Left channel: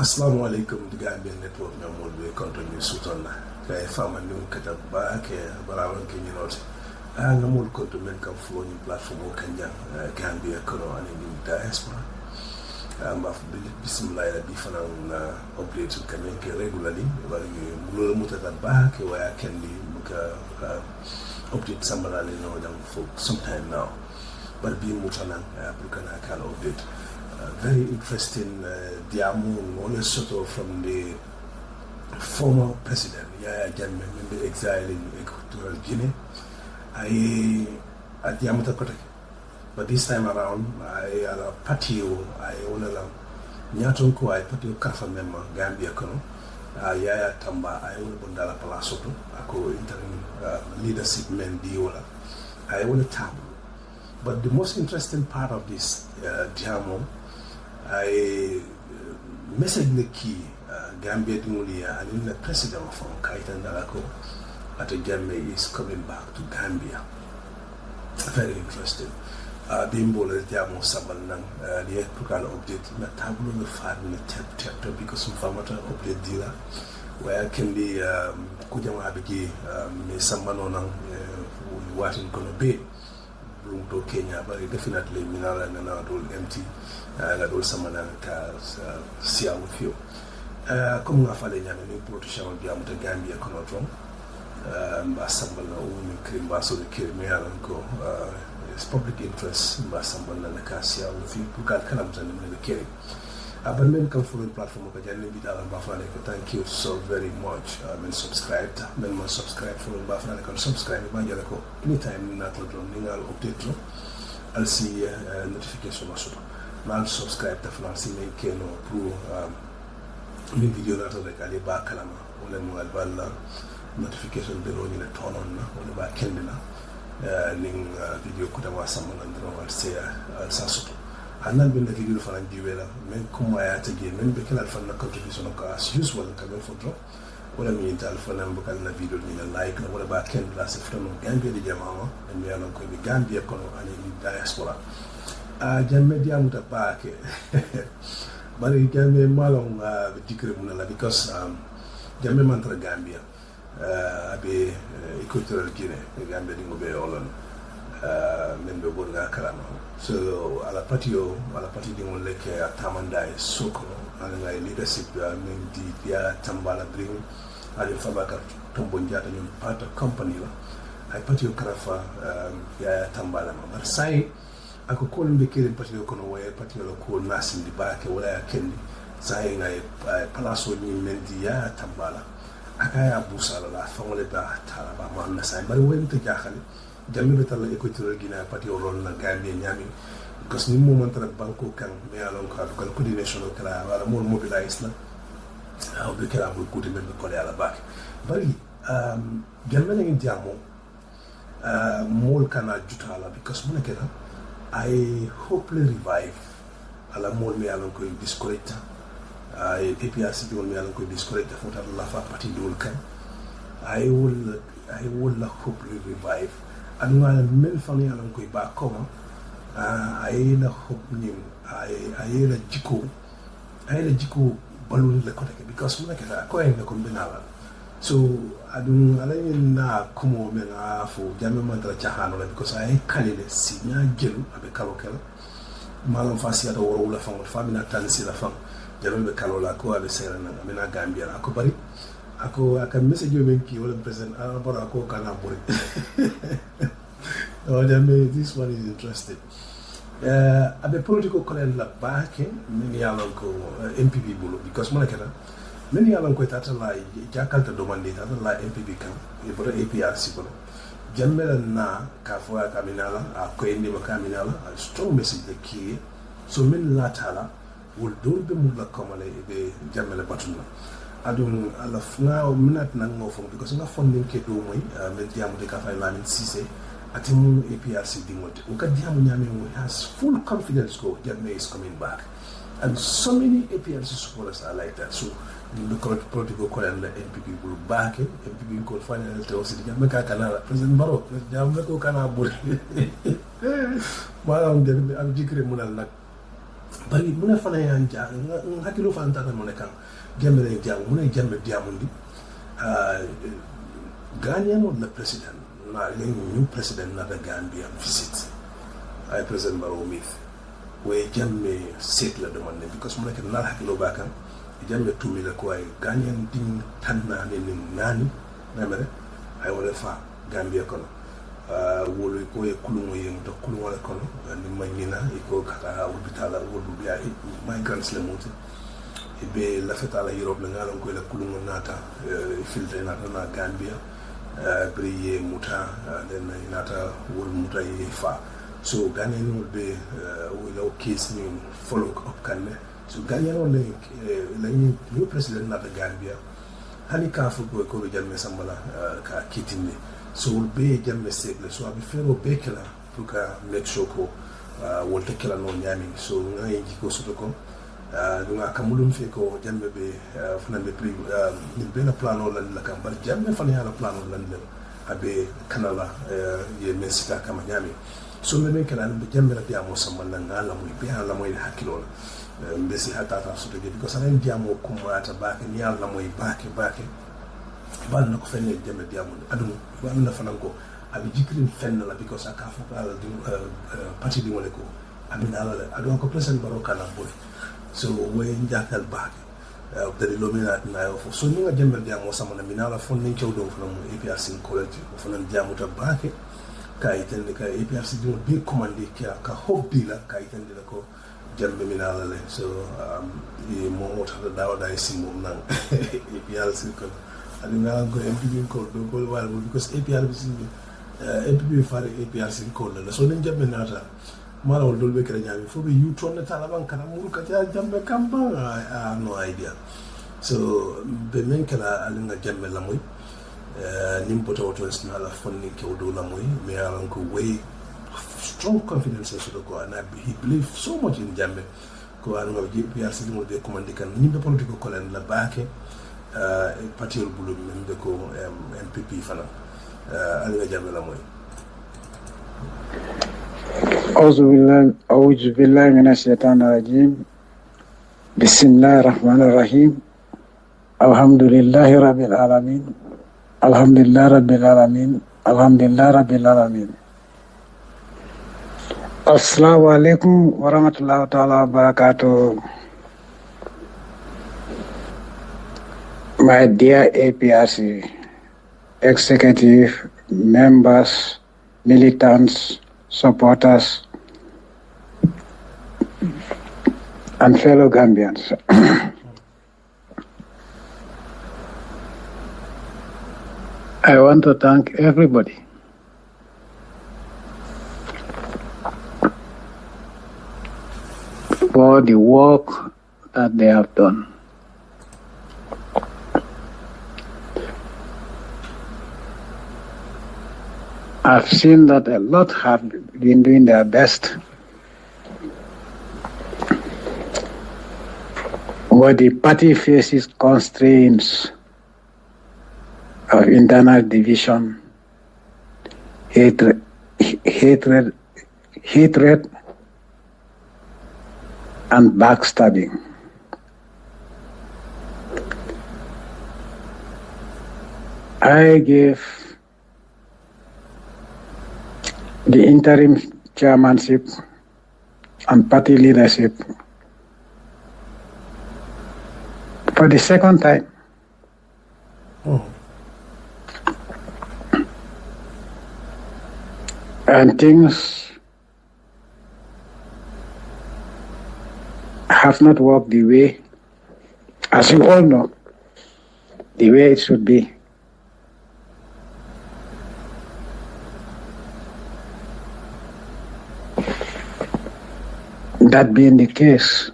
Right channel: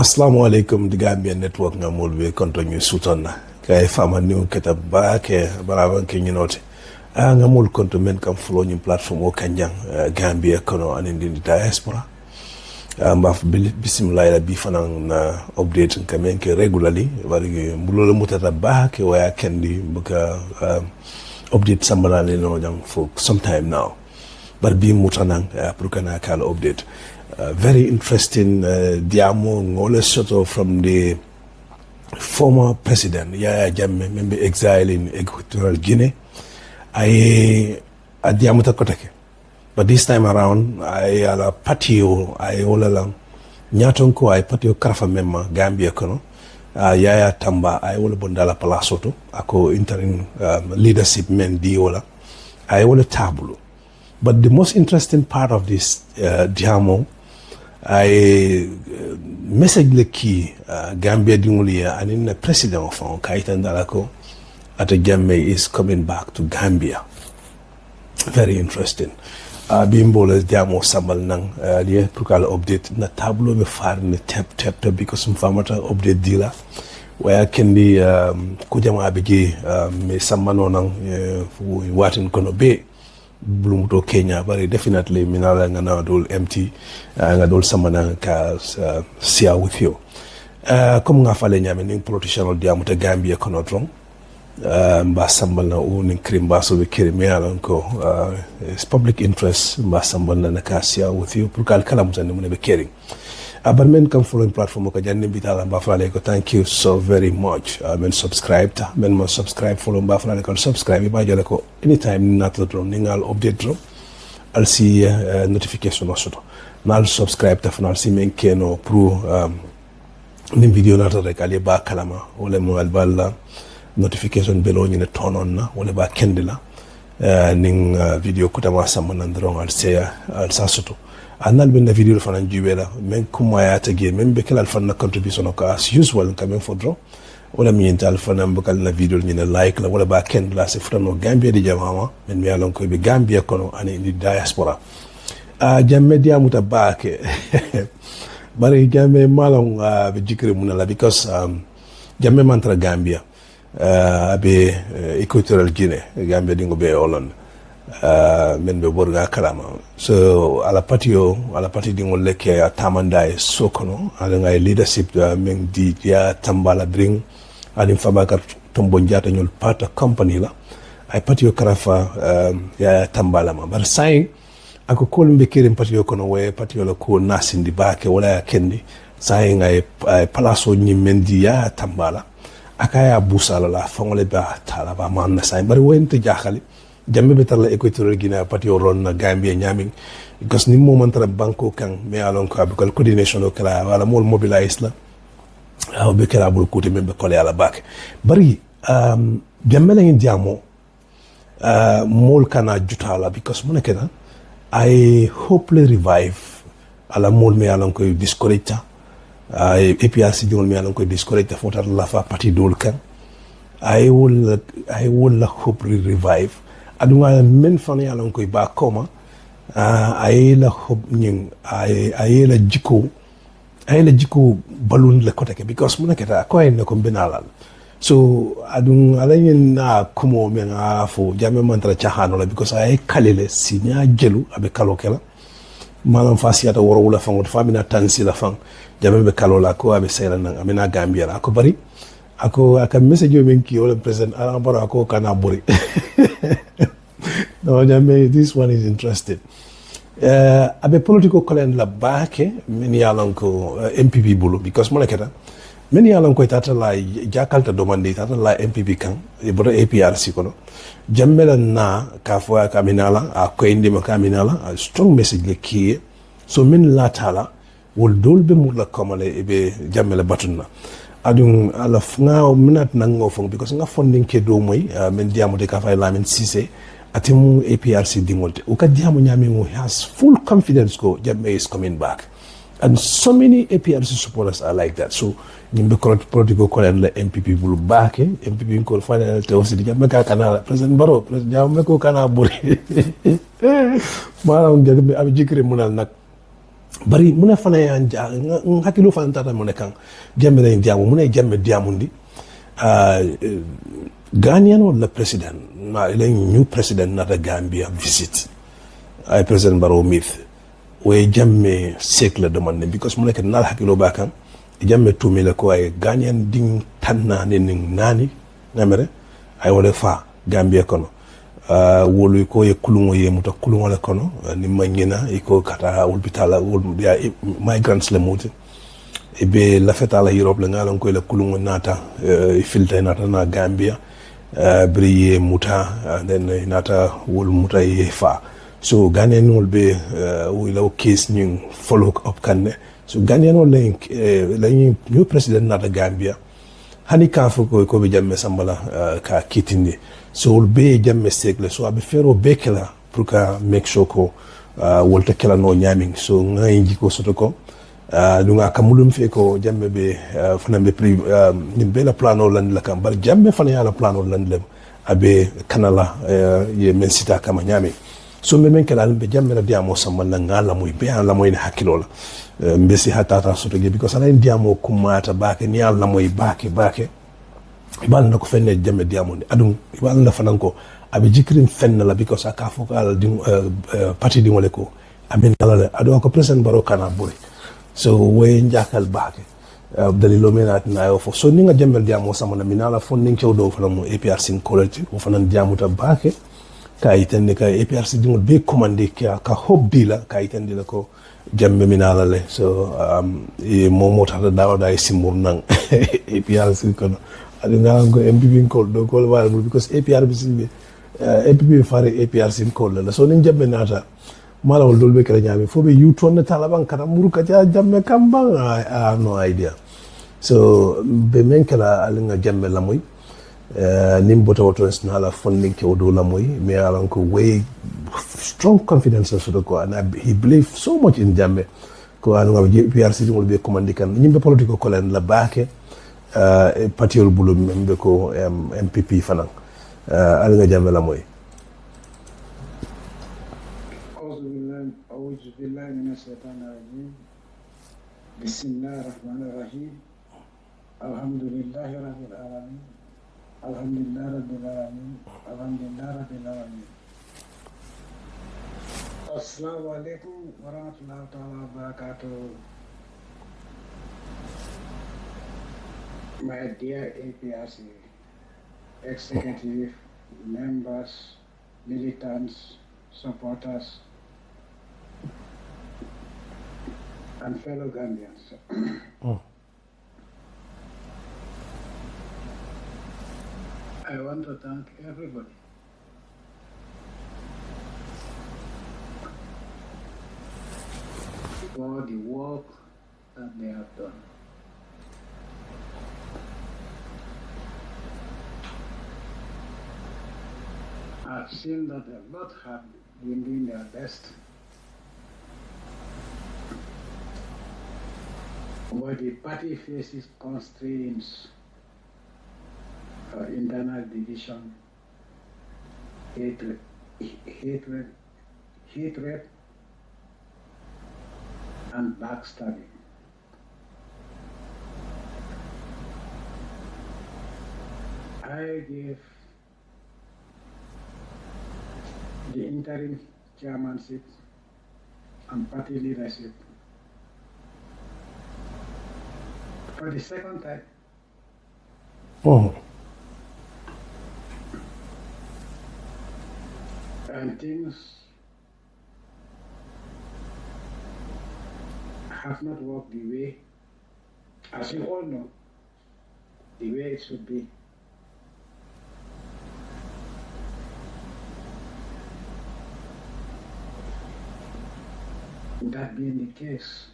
Assalamu alaikum the Gambia network nga molbe continue sutonna kay fama new keta baake baraban ke nyinote nga mol konto men kam flow ni platform o kanjang Gambia kono anindi diaspora mbaf bismillah la bi fanan na update kamen ke regularly wari mbulo mutata baake waya kendi buka update sambala no jam for some time now but bi mutanan pour kana kala update. Very interesting diamo ngole soto from the former president Yaya Jammeh member exile in Equatorial Guinea. I diamo takotake. But this time around I ala patio I all along nyatonko I patio karafa memma Gambia kono. Yaya Tamba I all bondala palasoto ako interim leadership men diola. I all tabulo. But the most interesting part of this diamo I message le key Gambia dingulia and in the president of Kaitan Dalako at Jammeh is coming back to Gambia. Very interesting. Bimbolas diamo sambal nang the prukal update na tablo be far ni tap because some famata update dealer where can be kujama bigi me sambano nang watin kono be Blumuto Kenya, but definitely Minala and Adol empty and Adol Samana share with you. Come Falenya, meaning politician of Diamuta Gambia Conotron, Basambana owning Krimbaso, the Kirimialanko, it's public interest, Basambana Nakasia with you, Pukal Kalams and the Kering. But men come following platform of Kajani Bitala Bafaleko. Thank you so very much. Men subscribed, men must subscribe, follow Bafaleko, subscribe. By Jaleko, anytime not to Ningal update drop, I'll see notification also. Now subscribe to Fanal Simen Keno Pro video not like Aliba Kalama, Olemo Albala notification below in the turn on, Oleba Kendila, Ning video Kutama Saman and wrong, I'll say I'll Sasuto. Anal ben na video fana juwela men kumaya tagi men be kala fana contribution ko as usual kamen for draw wala mi ental fana mbakal na video ni na like la wala ba ken la se frano Gambia di jamama men mi alon ko be Gambia kono ani di diaspora Jammeh dia muta baake bari Jammeh malon be jikre munala because Jammeh mantra Gambia be Equatorial Guinea Gambia dingo be Holland men be borga kalama so ala pati dingo leke tamanda e sokono ala ngai leadership men di ya tambala bring ali fabaka tombo njata nyol pata company la ay patio karafa ya tambala ma bar sai ako kolumbe kirim patio kono we patio la ko nasindi baake wala ya kendi sai ngai palaso nyimendi ya tambala akaya busala la fongole ba tala ba man sai bar wente jaxali Jammeh betar la Equatorial Guinea patio ron na Gambia nyaming because ni moment ra banko kan me alon ko abikal coordination o kala wala mol mobilize la aw be kala bul kuti membe kole ala bak bari Jammeh la ndiamo mol kana jutala because mo nekena I hopefully revive ala mol me alon ko disconnecta APRC dol me alon ko disconnecta fotar la fa parti dol kan I will hopefully revive adunga men fani alon koy ba koma ayela hob ning ayela jiko balun le kotake because muna keta ko en ko benalal so adun alayen na kumo men afo Jammeh mantra chahano la because ay kalele sinya jelu abe kalokela malam fasiata woro wala fangot famina tansi la fang Jammeh be kalola ko abe sera nang amena Gambia la ko bari ako aka message yo men ki wala president Barrow ako kana buri no Jammeh this one is interesting abe political colon la baake meni yalon ko MPP bulu because monaketa meni yalon ko tata la jakalta domande tata la MPP kan e bodo APRC kono Jammeh la na ka fo ka minala a ko indi ma ka minala a strong message le ki so min la tala wol dolbe mu la komale e be Jammeh la batuna adun ala nga minat nango fong because nga funding ke do moy men diamo de ka fay lamin cissé atimu APRC dingolte uka diamo nyami mo has full confidence go Jammeh is coming back and so many APRC supporters are like that so nimbe political ko la MPP bulu back MPP ko final te aussi Jammeh ka kana president Barrow president Jammeh ko kana buri malam jadi abi jikri munal nak bari muna fana ya hakilo fana tata muna kan Jammeh na diamo muna Jammeh diamundi Ghanaian or the president na ile new president na the Gambia visit ay president Barrow myth we Jammeh sekle demande because muna kan nal hakilo bakan Jammeh tumile ko ay Ghanaian ding tanna ne nani ngamere ay wala fa Gambia kono wolu ko ye kulungo ye muta kulungo la kono ni manyina iko kata hospital ya migrants le muti e be la feta la Europe la ngalon ko le kulungo nata filta nata na Gambia briye muta then nata wolu muta ye fa so Ghanaian will be will case new follow up kanne so Ghanaian will la new president nata Gambia hani ka fo ko be Jammeh sambala ka kitindi so will be Jammeh sekle so abe fero bekela pour ka make sure ko wolta kala no nyaming so ngai jiko soto ko dunga kamulum fe ko Jammeh be fana be pri ni bela plano land la kam bar Jammeh fana yala plano land le abe kanala ye mensita kama nyame so me men kala be Jammeh na diamo sambala ngala moy be ala moy hakilola mbesi hatata soto ge because ana diamo kumata bake ni ala moy bake ibal na ko fenne Jammeh diamonde adum ibal na fanan ko abe jikrin fenna la because aka fokal di parti di wole ko abe alale ado ko president Barrow kana buri so we njakal bake dalilo menat na yo fo so ni nga Jammeh diamo samana minala fon ni cewdo fana mo APRC college ko fanan diamuta bake ka itende ka APRC di mo be commande ka hobbi la ka itende la ko Jammeh minala le so momo tata dawda e simur nang APRC ko adi ngalan ko MPP call do call wal because APRC be MPP fare APRC call la so nin Jammeh nata mala wol dolbe kala nyami fo be yuton na talaban kata muruka ja Jammeh kamba I have no idea so be men kala alinga Jammeh la moy nim bota wotos na la funding ke odo la moy me alan ko way strong confidence so ko and he believe so much in Jammeh ko alunga APRC ngol be commandi kan nyimbe political kolen la baake patiol bulu membe ko MPP fanan alga Jammeh la moy أعوذ بالله من الشيطان الرجيم بسم الله الرحمن الرحيم الحمد لله رب العالمين الحمد لله رب العالمين الحمد لله رب العالمين السلام عليكم ورحمة الله تعالى وبركاته. My dear APRC executive members, militants, supporters, and fellow Gambians. I want to thank everybody for the work that they have done. I've seen that a lot have been doing their best, but the party faces constraints of internal division, hatred, and backstabbing. I gave the interim chairmanship and party leadership for the second time. And things have not worked the way, as you all know, the way it should be. That being the case,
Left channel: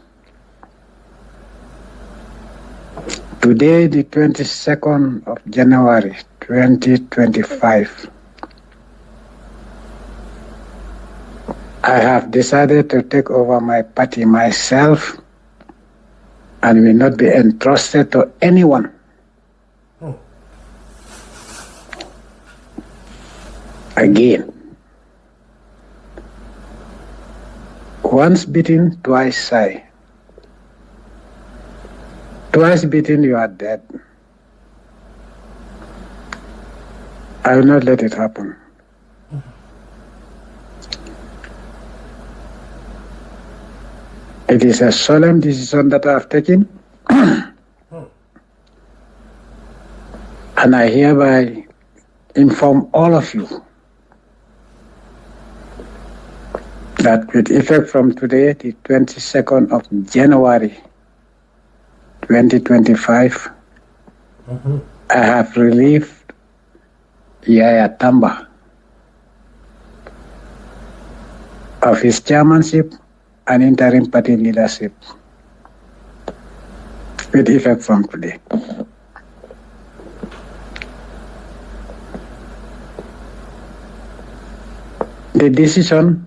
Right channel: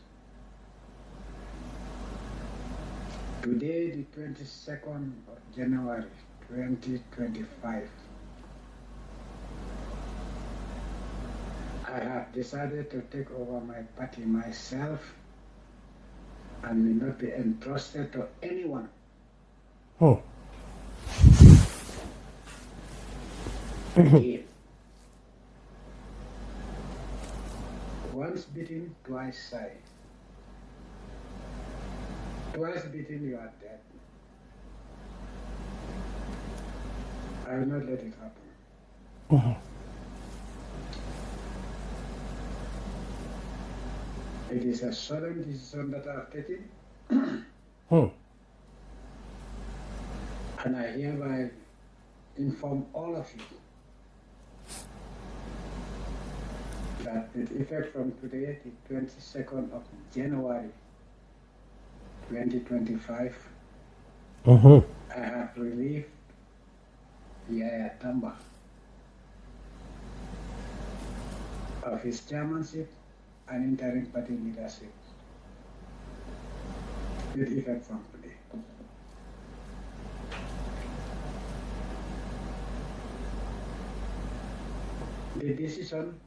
today, the 22nd of January, 2025, I have decided to take over my party myself and will not be entrusted to anyone. Again. Once bitten, twice shy. Twice bitten, you are dead. I will not let it happen. It is a solemn decision that I have taken. And I hereby inform all of you that with effect from today, the 22nd of January 2025, I have relieved Yaya of his chairmanship and interim party leadership with effect from today. The decision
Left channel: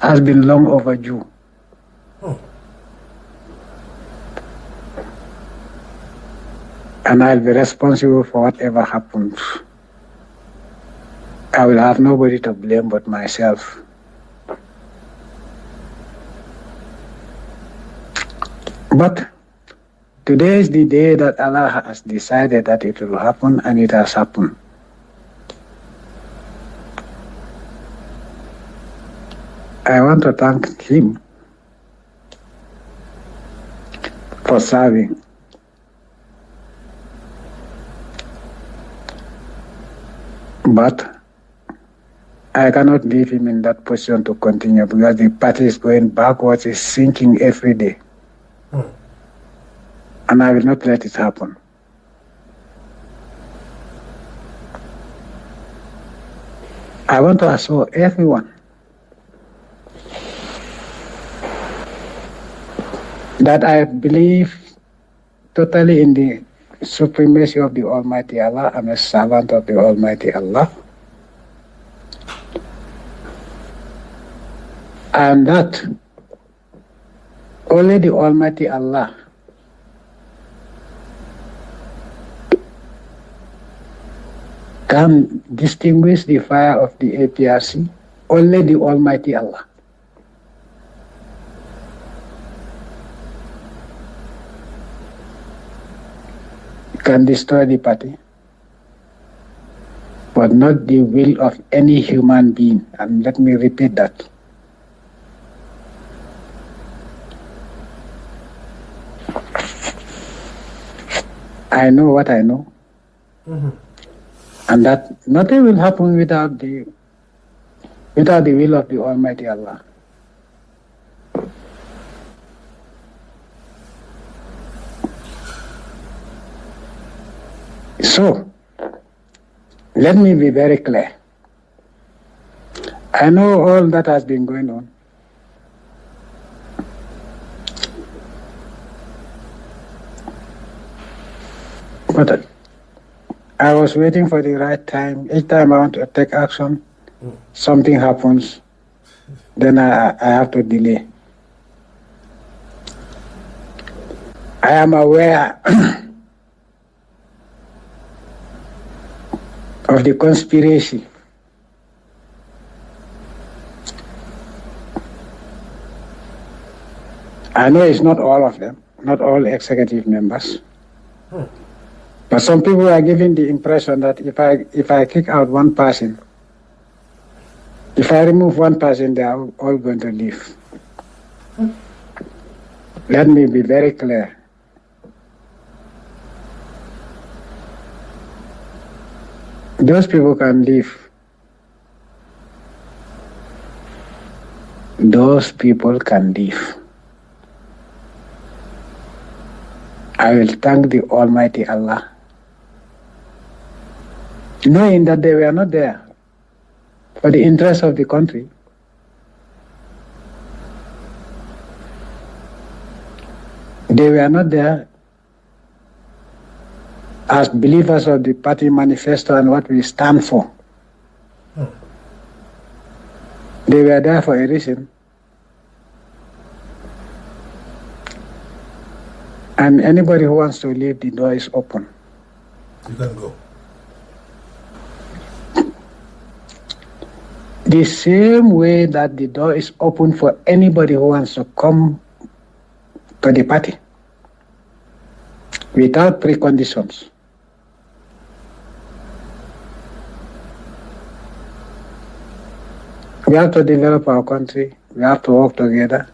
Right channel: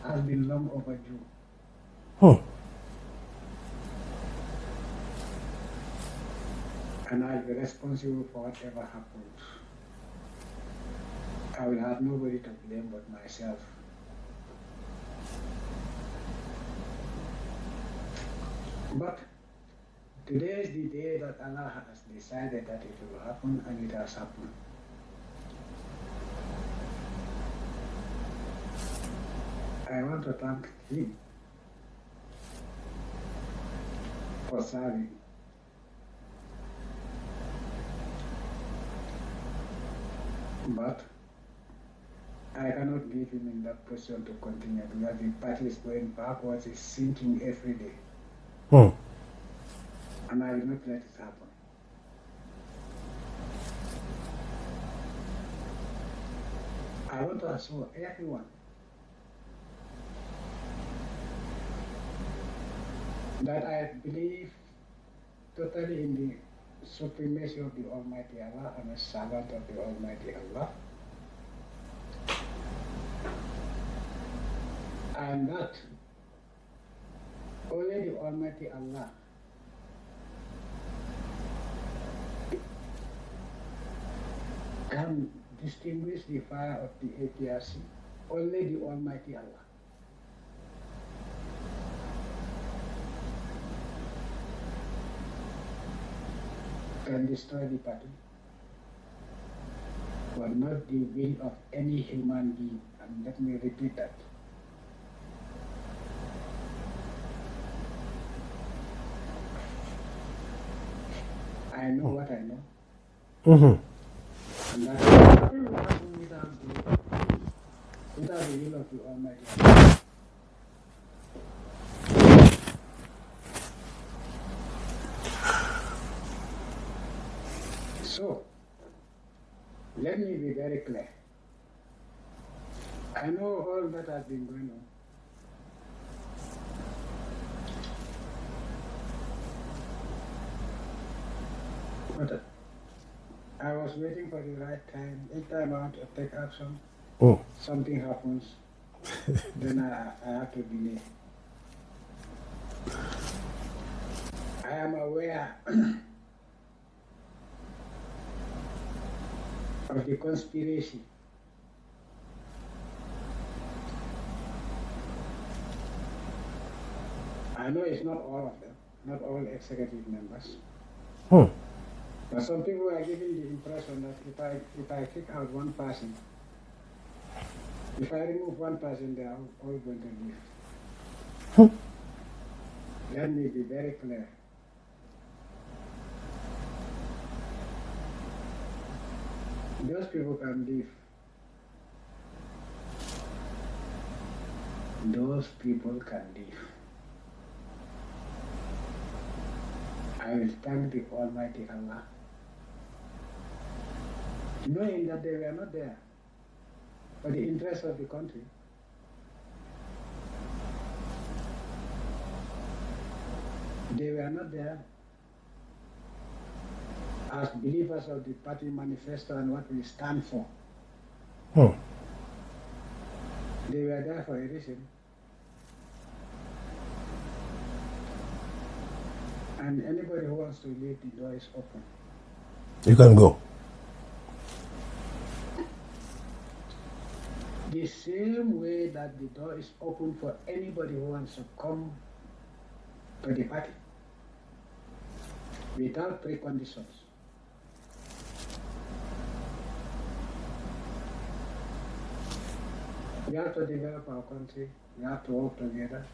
has been long overdue. And I'll be responsible for whatever happens. I will have nobody to blame but myself. But today is the day that Allah has decided that it will happen, and it has happened. I want to thank him for serving. But I cannot leave him in that position to continue because the party is going backwards, is sinking every day. And I will not let it happen. I want to assure everyone that I believe totally in the supremacy of the Almighty Allah. I'm a servant of the Almighty Allah. And that only the Almighty Allah can distinguish the fire of the APRC. Only the Almighty Allah. Can destroy the party, but not the will of any human being. And let me repeat that. I know what I know. And that nothing will happen without the will of the Almighty Allah. So, let me be very clear. I know all that has been going on. But I was waiting for the right time. Each time I want to take action, something happens, then I have to delay. I am aware of the conspiracy. I know it's not all of them, not all executive members. But some people are giving the impression that if I kick out one person, if I remove one person, they are all going to leave. Let me be very clear. Those people can leave. Those people can leave. I will thank the Almighty Allah, knowing that they were not there for the interest of the country. They were not there as believers of the party manifesto and what we stand for. They were there for a reason. And anybody who wants to leave, the door is open. The same way that the door is open for anybody who wants to come to the party without preconditions. We have to develop our country. We have to work together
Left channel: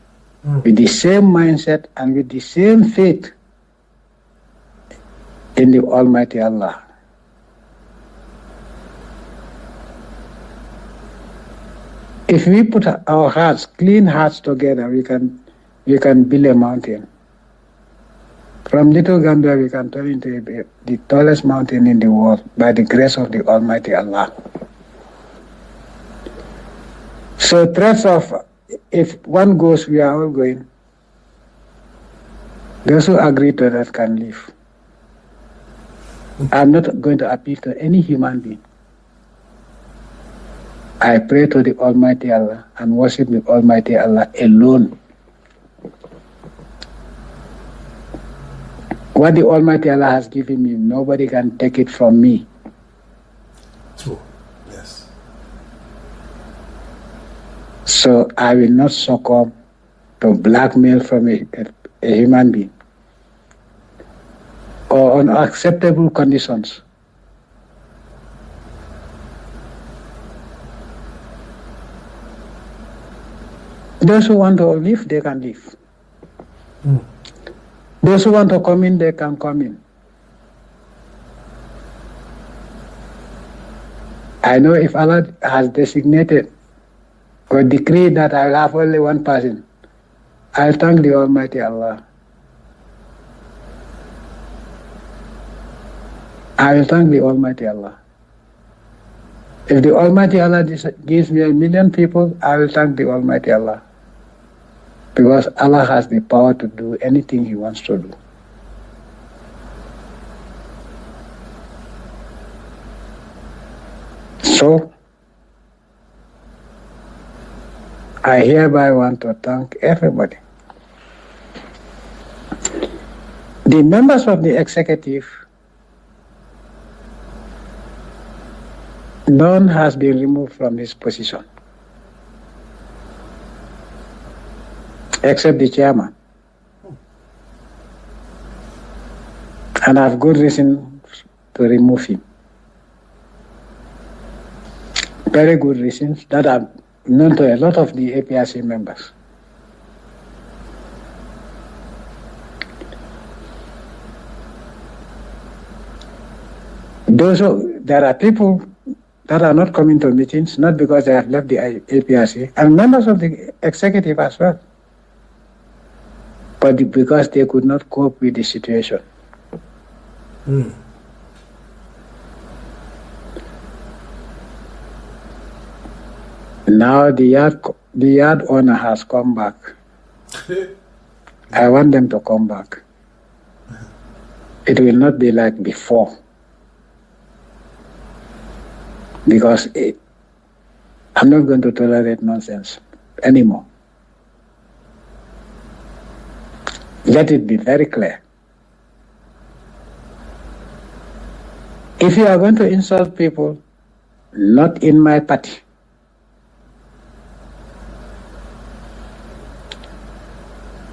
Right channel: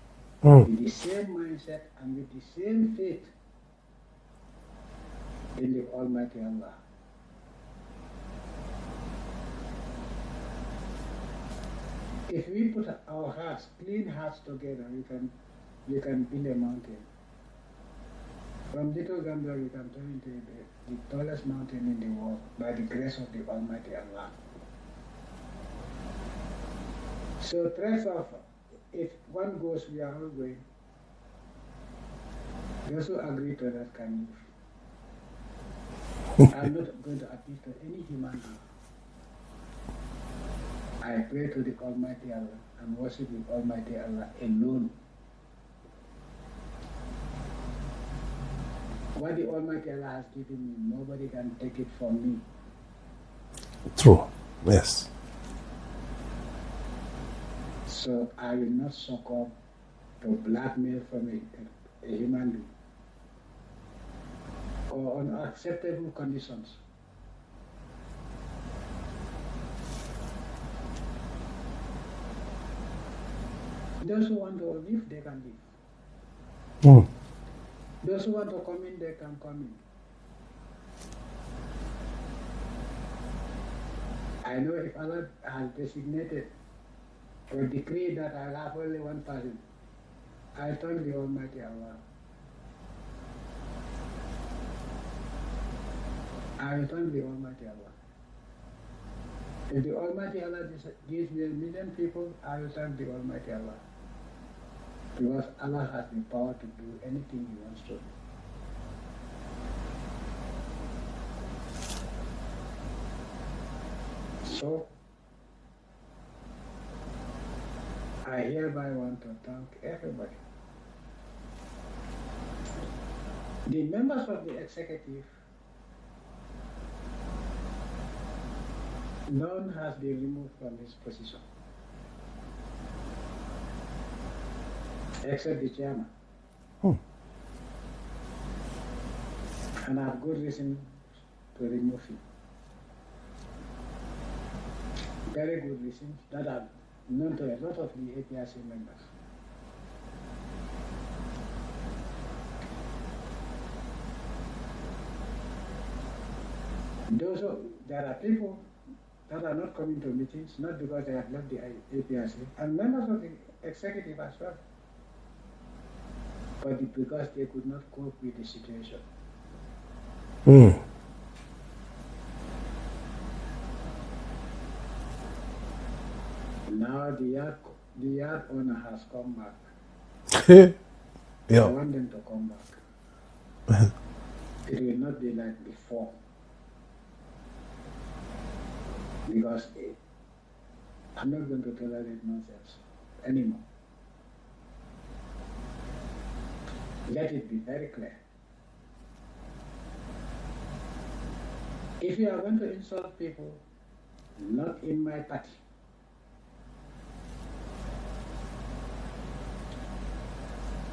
with the same mindset and with the same faith in the Almighty Allah. If we put our hearts, clean hearts together, we can build a mountain. From Little Gambia, we can turn into the tallest mountain in the world by the grace of the Almighty Allah. So threats of, if one goes, we are all going. Those who agree to that can leave. I'm not going to appeal to any human being. I pray to the Almighty Allah and worship the Almighty Allah alone. What the Almighty Allah has given me, nobody can take it from me. True. Yes. So I will not succumb to blackmail from a human being or unacceptable conditions. Those who want to leave, they can leave. Those who want to come in, they can come in. I know if Allah has designated or decreed that I'll have only one person, I'll thank the Almighty Allah. I will thank the Almighty Allah. If the Almighty Allah gives me 1 million people, I will thank the Almighty Allah. Because Allah has the power to do anything He wants to do. So, I hereby want to thank everybody. The members of the executive, none has been removed from his position, except the chairman. And I have good reason to remove him. Very good reasons that are known to a lot of the APRC members. There are people that are not coming to meetings, not because they have left the APRC, and members of the executive as well, but because they could not cope with the situation. Now the yard owner has come back. I want them to come back. It will not be like before. Because I'm not going to tolerate nonsense anymore. Let it be very clear. If you are going to insult people, not in my party,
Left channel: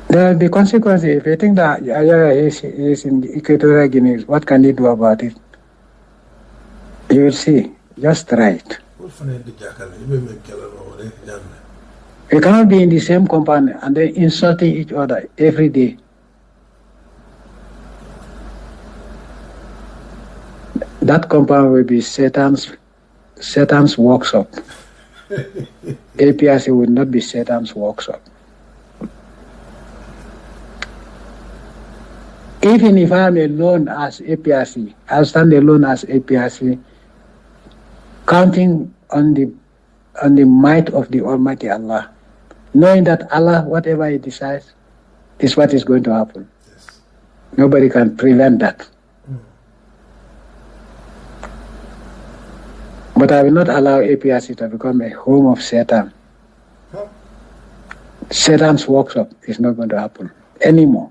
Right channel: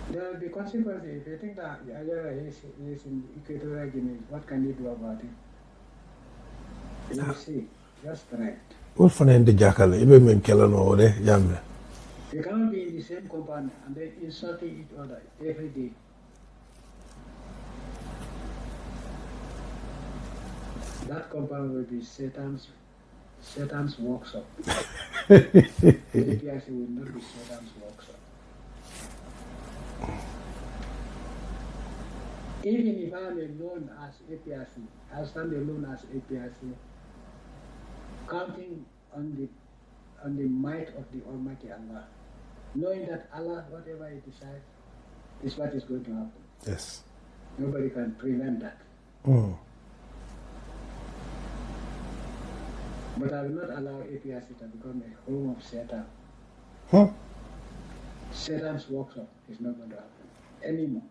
there will be consequences. If you think that Yaya is in the Equatorial Guinea, what can you do about it? You will see. Just try it. We cannot be in the same compound and then insulting each other every day. That compound will be Satan's workshop. APRC will not be Satan's workshop. Even if I am alone as APRC, I'll stand alone as APRC, counting on the might of the Almighty Allah, knowing that Allah, whatever He decides, is what is going to happen. Yes. Nobody can prevent that. But I will not allow APRC to become a home of Satan. Satan's workshop is not going to happen anymore.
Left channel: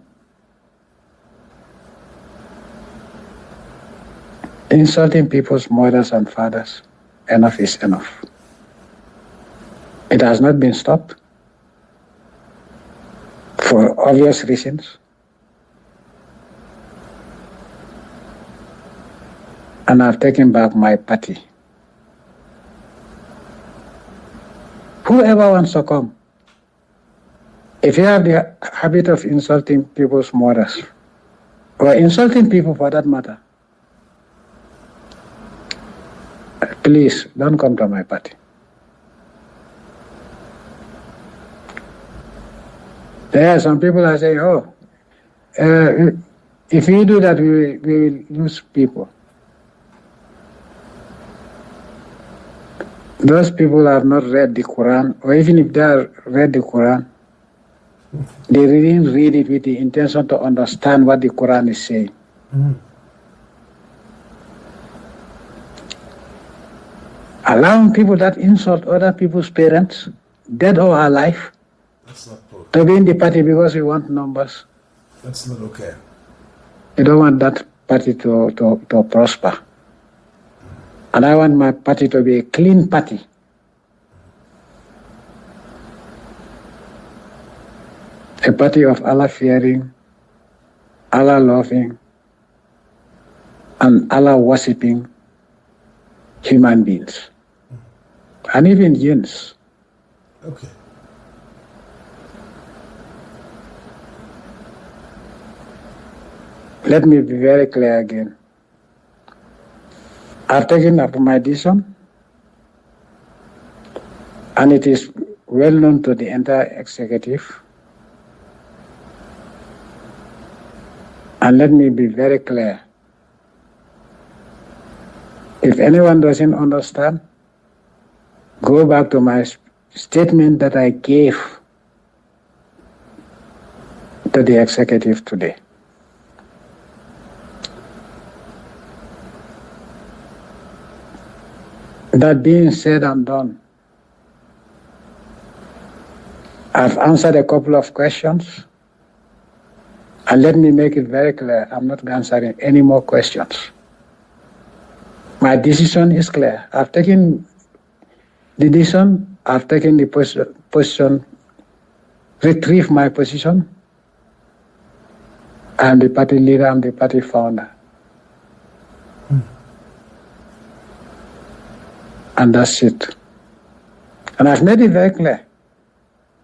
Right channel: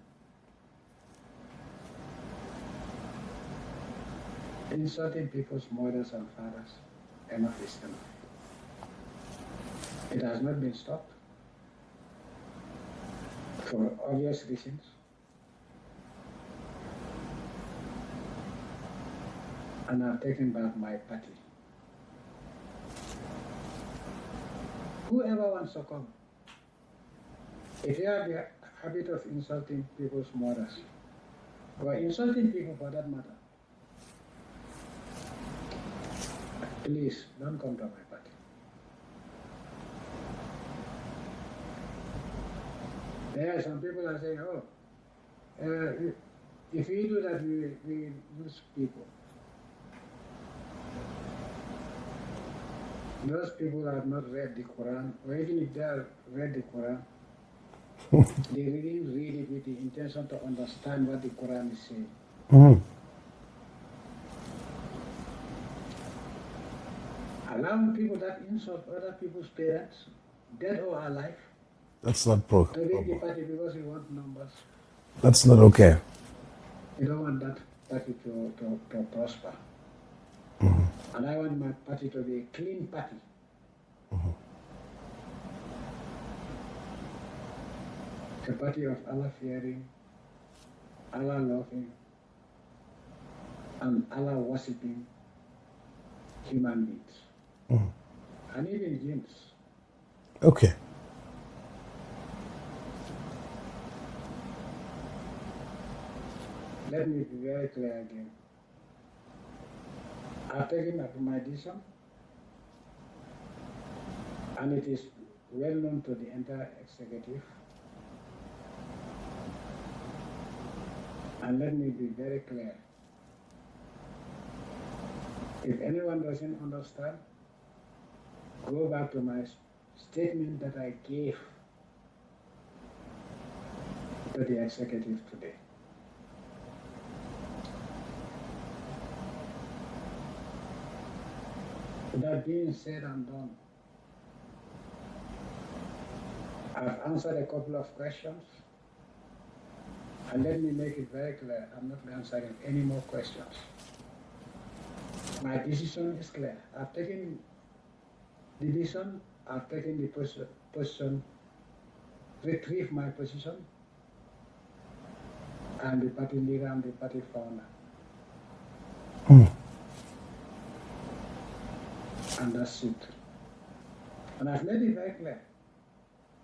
Insulting people's mothers and fathers, enough is enough. It has not been stopped for obvious reasons. And I've taken back my party. Whoever wants to come, if you have the habit of insulting people's mothers, or insulting people for that matter, please don't come to my party. There are some people that say, if we do that, we will lose people. Those people have not read the Quran, or even if they have read the Quran, they didn't read it with the intention to understand what the Quran is saying. Allowing people that insult other people's parents, dead or alive, That's not pro. to be in the party because we want numbers. That's not okay. We don't want that party to prosper. And I want my party to be a clean party. A party of Allah fearing, Allah loving, and Allah worshipping human beings. And even jinns. Okay. Let me be very clear again. I've taken up my decision, and it is well known to the entire executive. And let me be very clear. If anyone doesn't understand, go back to my statement that I gave to the executive today. That being said and done, I've answered a couple of questions, and let me make it very clear, I'm not answering any more questions. My decision is clear. I've taken the decision, I've taken the position, retrieve my position. I'm the party leader, I'm the party founder. And that's it. And I've made it very clear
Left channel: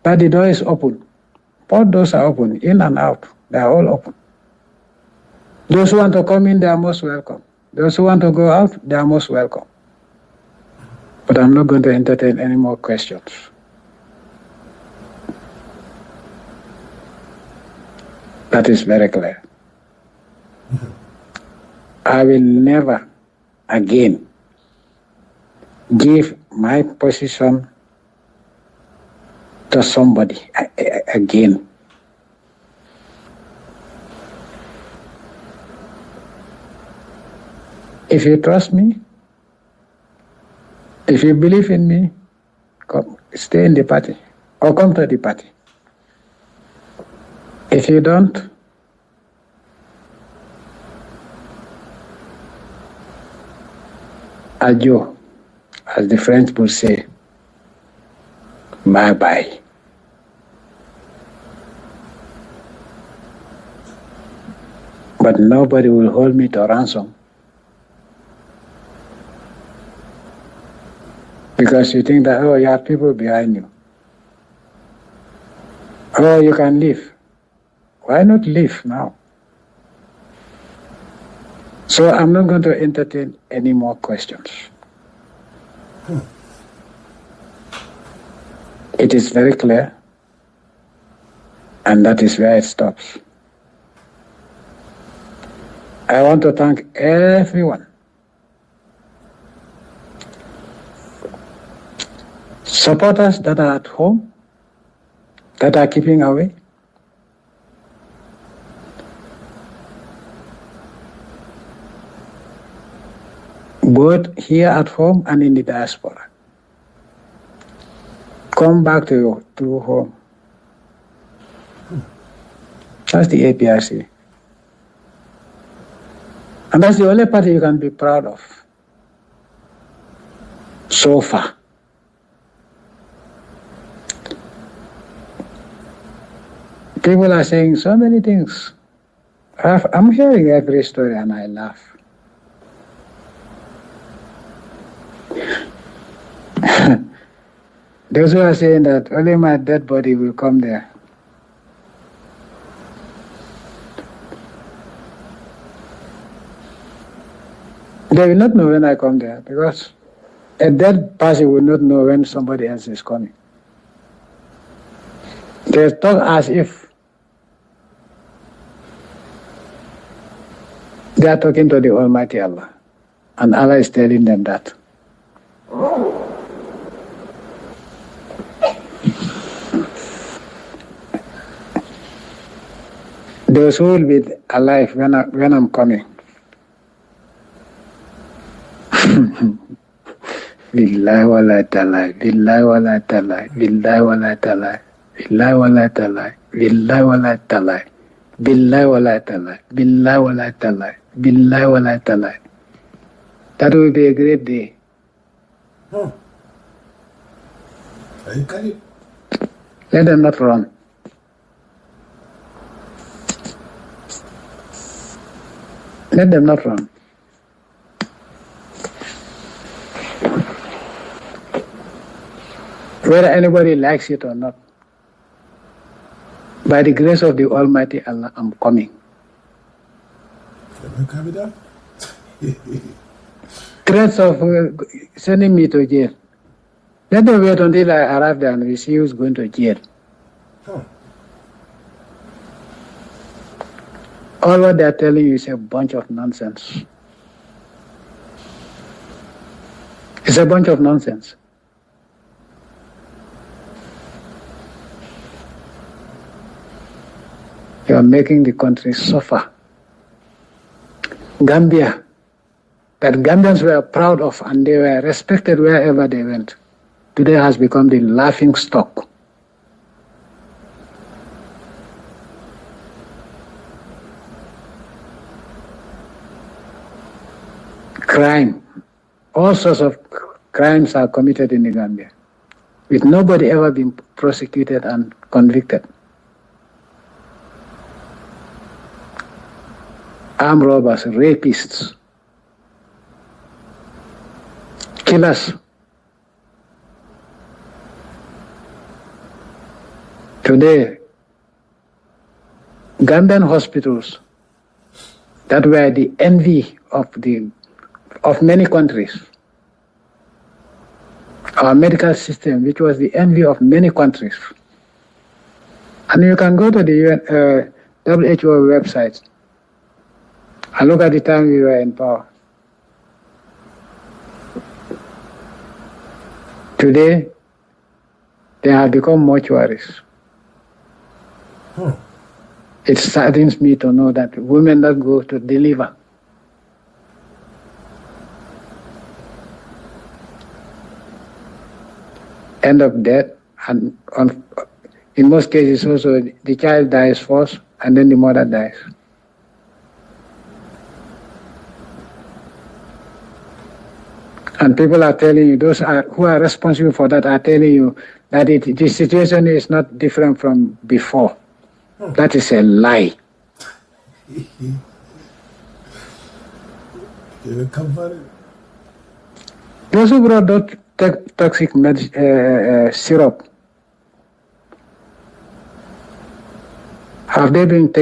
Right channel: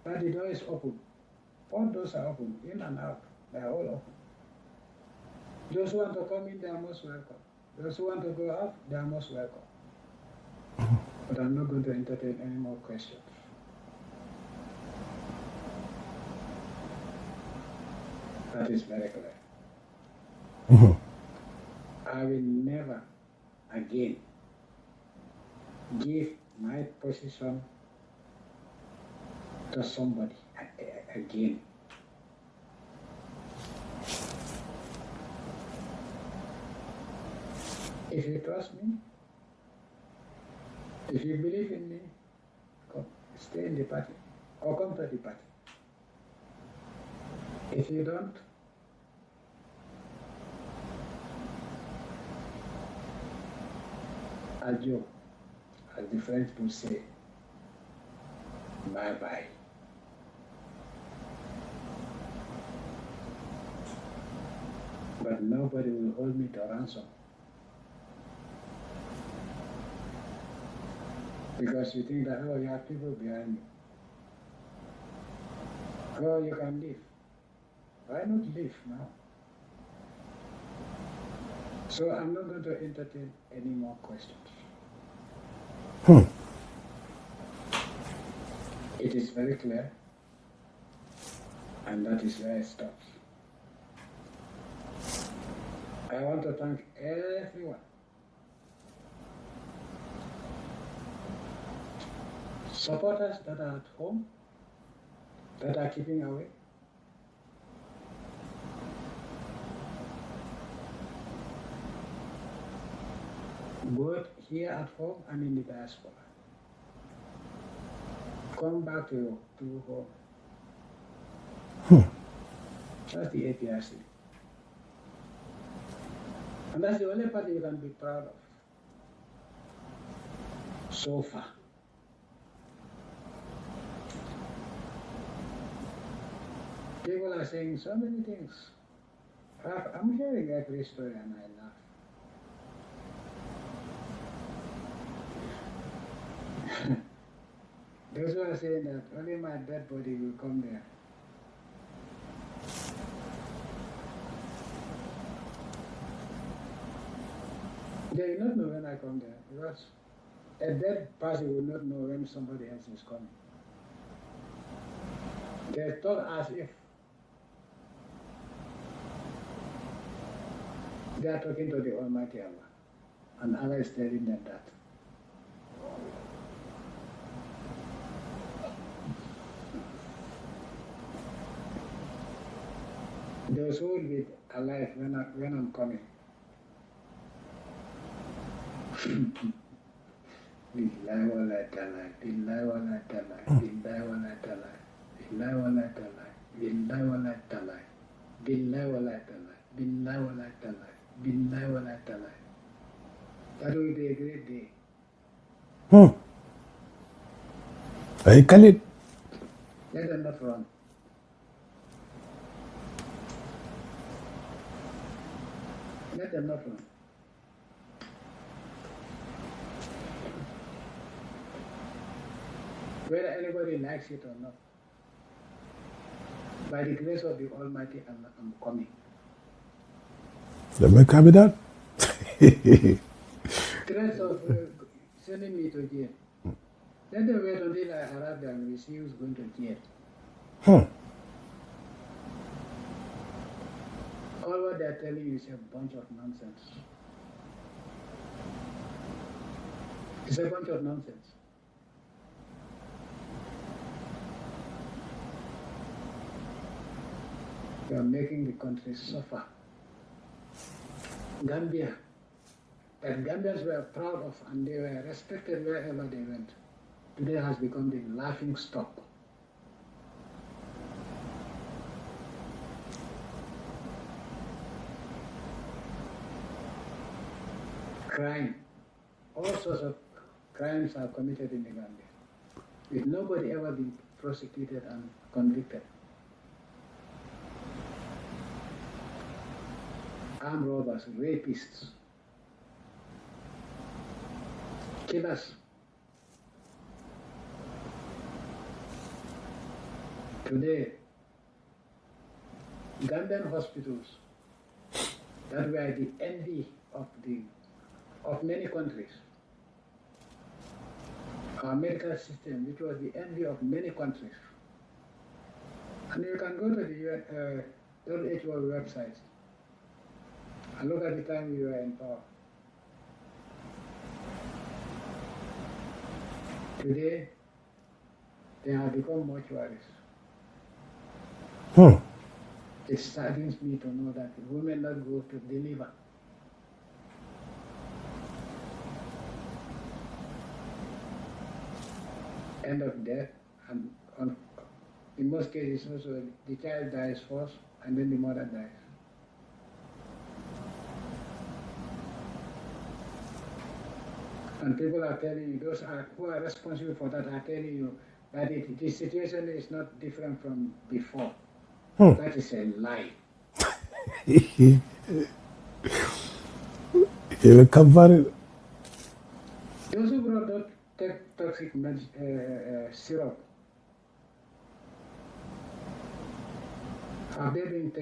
that the door is open. Both doors are open, in and out. They are all open. Those who want to come in, they are most welcome. Those who want to go out, they are most welcome. But I'm not going to entertain any more questions. That is very clear. I will never again give my position to somebody again. If you trust me, if you believe in me, come, stay in the party or come to the party. If you don't, adieu, as the French would say, bye-bye. But nobody will hold me to ransom. Because you think that, oh, you have people behind you. Oh, you can leave. Why not leave now? So I'm not going to entertain any more questions. It is very clear, and that is where it stops. I want to thank everyone. Supporters that are at home, that are keeping away. Both here at home and in the diaspora. Come back to home. That's the APRC. And that's the only party you can be proud of so far. People are saying so many things. I'm hearing every story and I laugh. Those who are saying that only my dead body will come there. They will not know when I come there because a dead person will not know when somebody else is coming. They talk as if they are talking to the Almighty Allah, and Allah is telling them that. Those who will be alive when I'm coming. Billahi wa la ta'ala, billahi wa la ta'ala, billahi wa la ta'ala, billahi wa la ta'ala, billahi wa la ta'ala, billahi wa la ta'ala, billahi wa la ta'ala, billahi wa la ta'ala. That will be a great day. I call it. Let them not run. Let them not run. Whether anybody likes it or not, by the grace of the Almighty Allah, I'm coming. Let me copy that. Threats of sending me to jail. Let them wait until I arrive there and we see who's going to jail. All what they're telling you is a bunch of nonsense. It's a bunch of nonsense. You are making the country suffer. Gambia, that Gambians were proud of and they were respected wherever they went, today has become the laughing stock. Crime, all sorts of crimes are committed in the Gambia, with nobody ever being prosecuted and convicted. Armed robbers, rapists, killers. Today, Gambian hospitals that were the envy of many countries. Our medical system, which was the envy of many countries. And you can go to the WHO website and look at the time we were in power. Today, they have become mortuaries. It saddens me to know that women that go to deliver end up dead, and in most cases also the child dies first and then the mother dies. And people are telling you, who are responsible for that are telling you that the situation is not different from before. That is a lie. You cover it. Those who brought that toxic syrup, have they been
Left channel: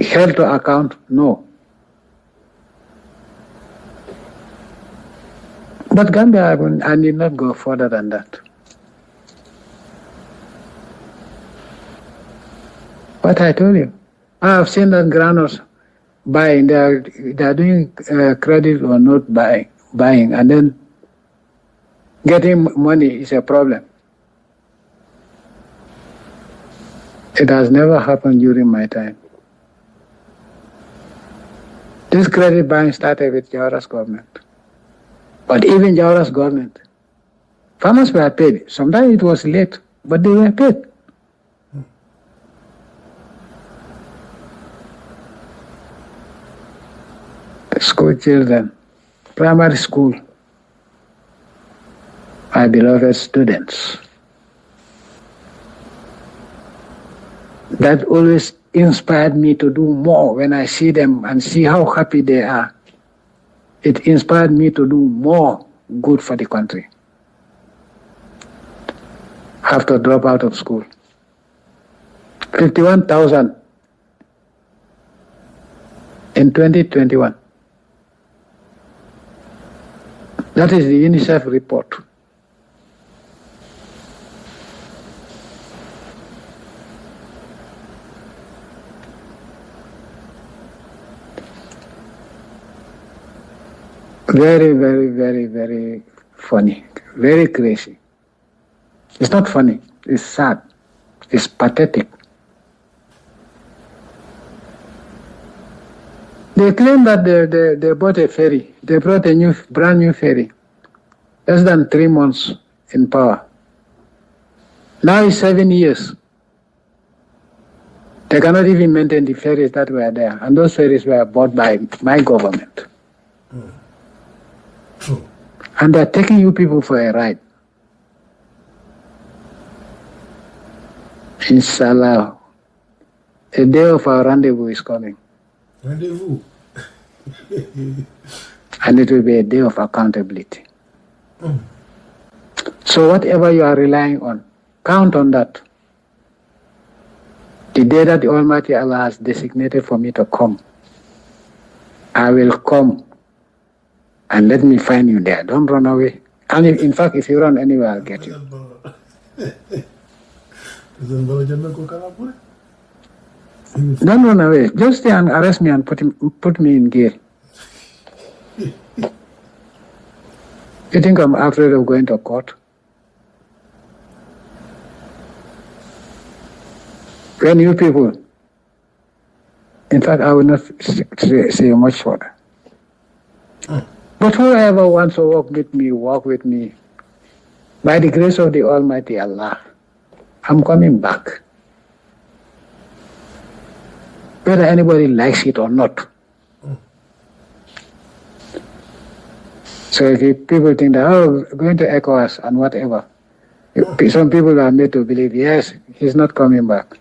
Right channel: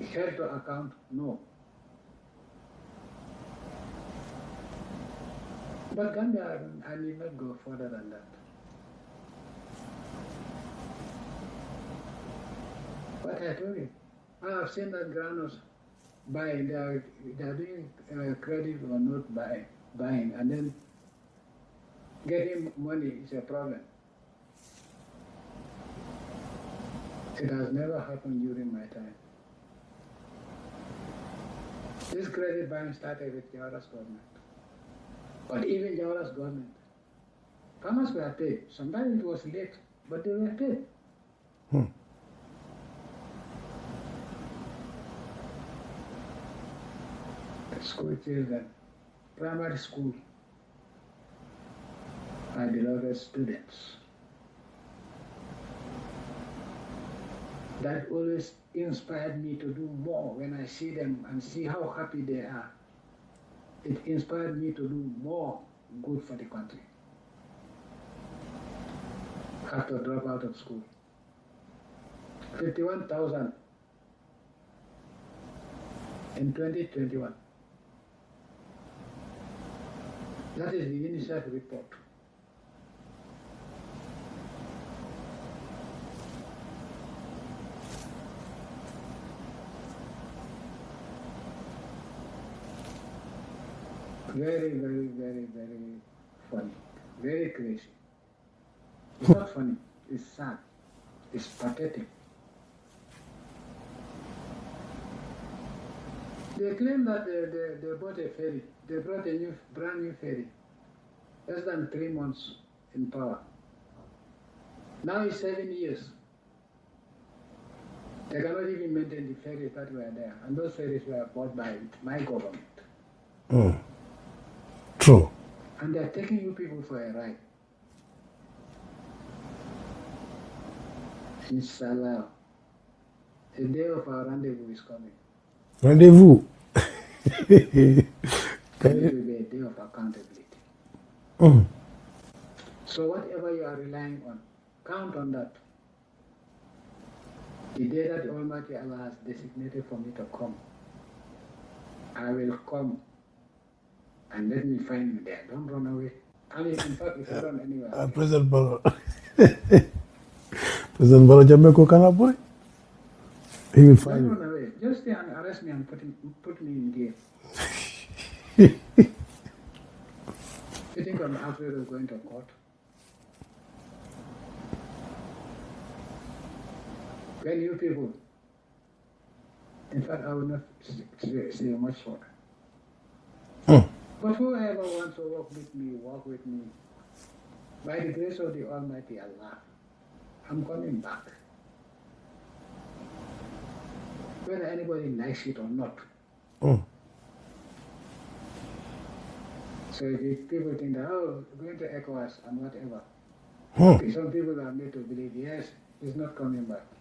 held to account? No. But Gambia, I need not go further than that. What I told you, I have seen that granules buying. They are doing credit or not buying, and then getting money is a problem. It has never happened during my time. This credit buying started with Jawara's government. But even Jawara's government, farmers were paid. Sometimes it was late, but they were paid. School children, primary school, my beloved students. That always inspired me to do more when I see them and see how happy they are. It inspired me to do more good for the country. Have to drop out of school. 51,000 in 2021. That is the UNICEF report. Very, very, very, very funny. Very crazy. It's not funny. It's sad. It's pathetic. They claim that they bought a ferry. They brought a brand new ferry. Less than 3 months in power. Now it's 7 years. They cannot even maintain the ferries that were there. And those ferries were bought by my government. True. And they're taking you people for a ride. Inshallah, a day of our rendezvous is coming. Rendezvous. And it will be a day of accountability. So whatever you are relying on, count on that. The day that the Almighty Allah has designated for me to come, I will come, and let me find you there. Don't run away. And in fact, if you run anywhere, I'll get you. Barrow. President Barrow Jammeh ko kana boy. Don't run away. Just stay and arrest me and put me in jail. You think I'm afraid of going to court? When you people, in fact, I will not say much further. But whoever wants to walk with me. By the grace of the Almighty Allah, I'm coming back. Whether anybody likes it or not. So if people think that, going to ECOWAS and whatever, some people are made to believe, yes, he's not coming back.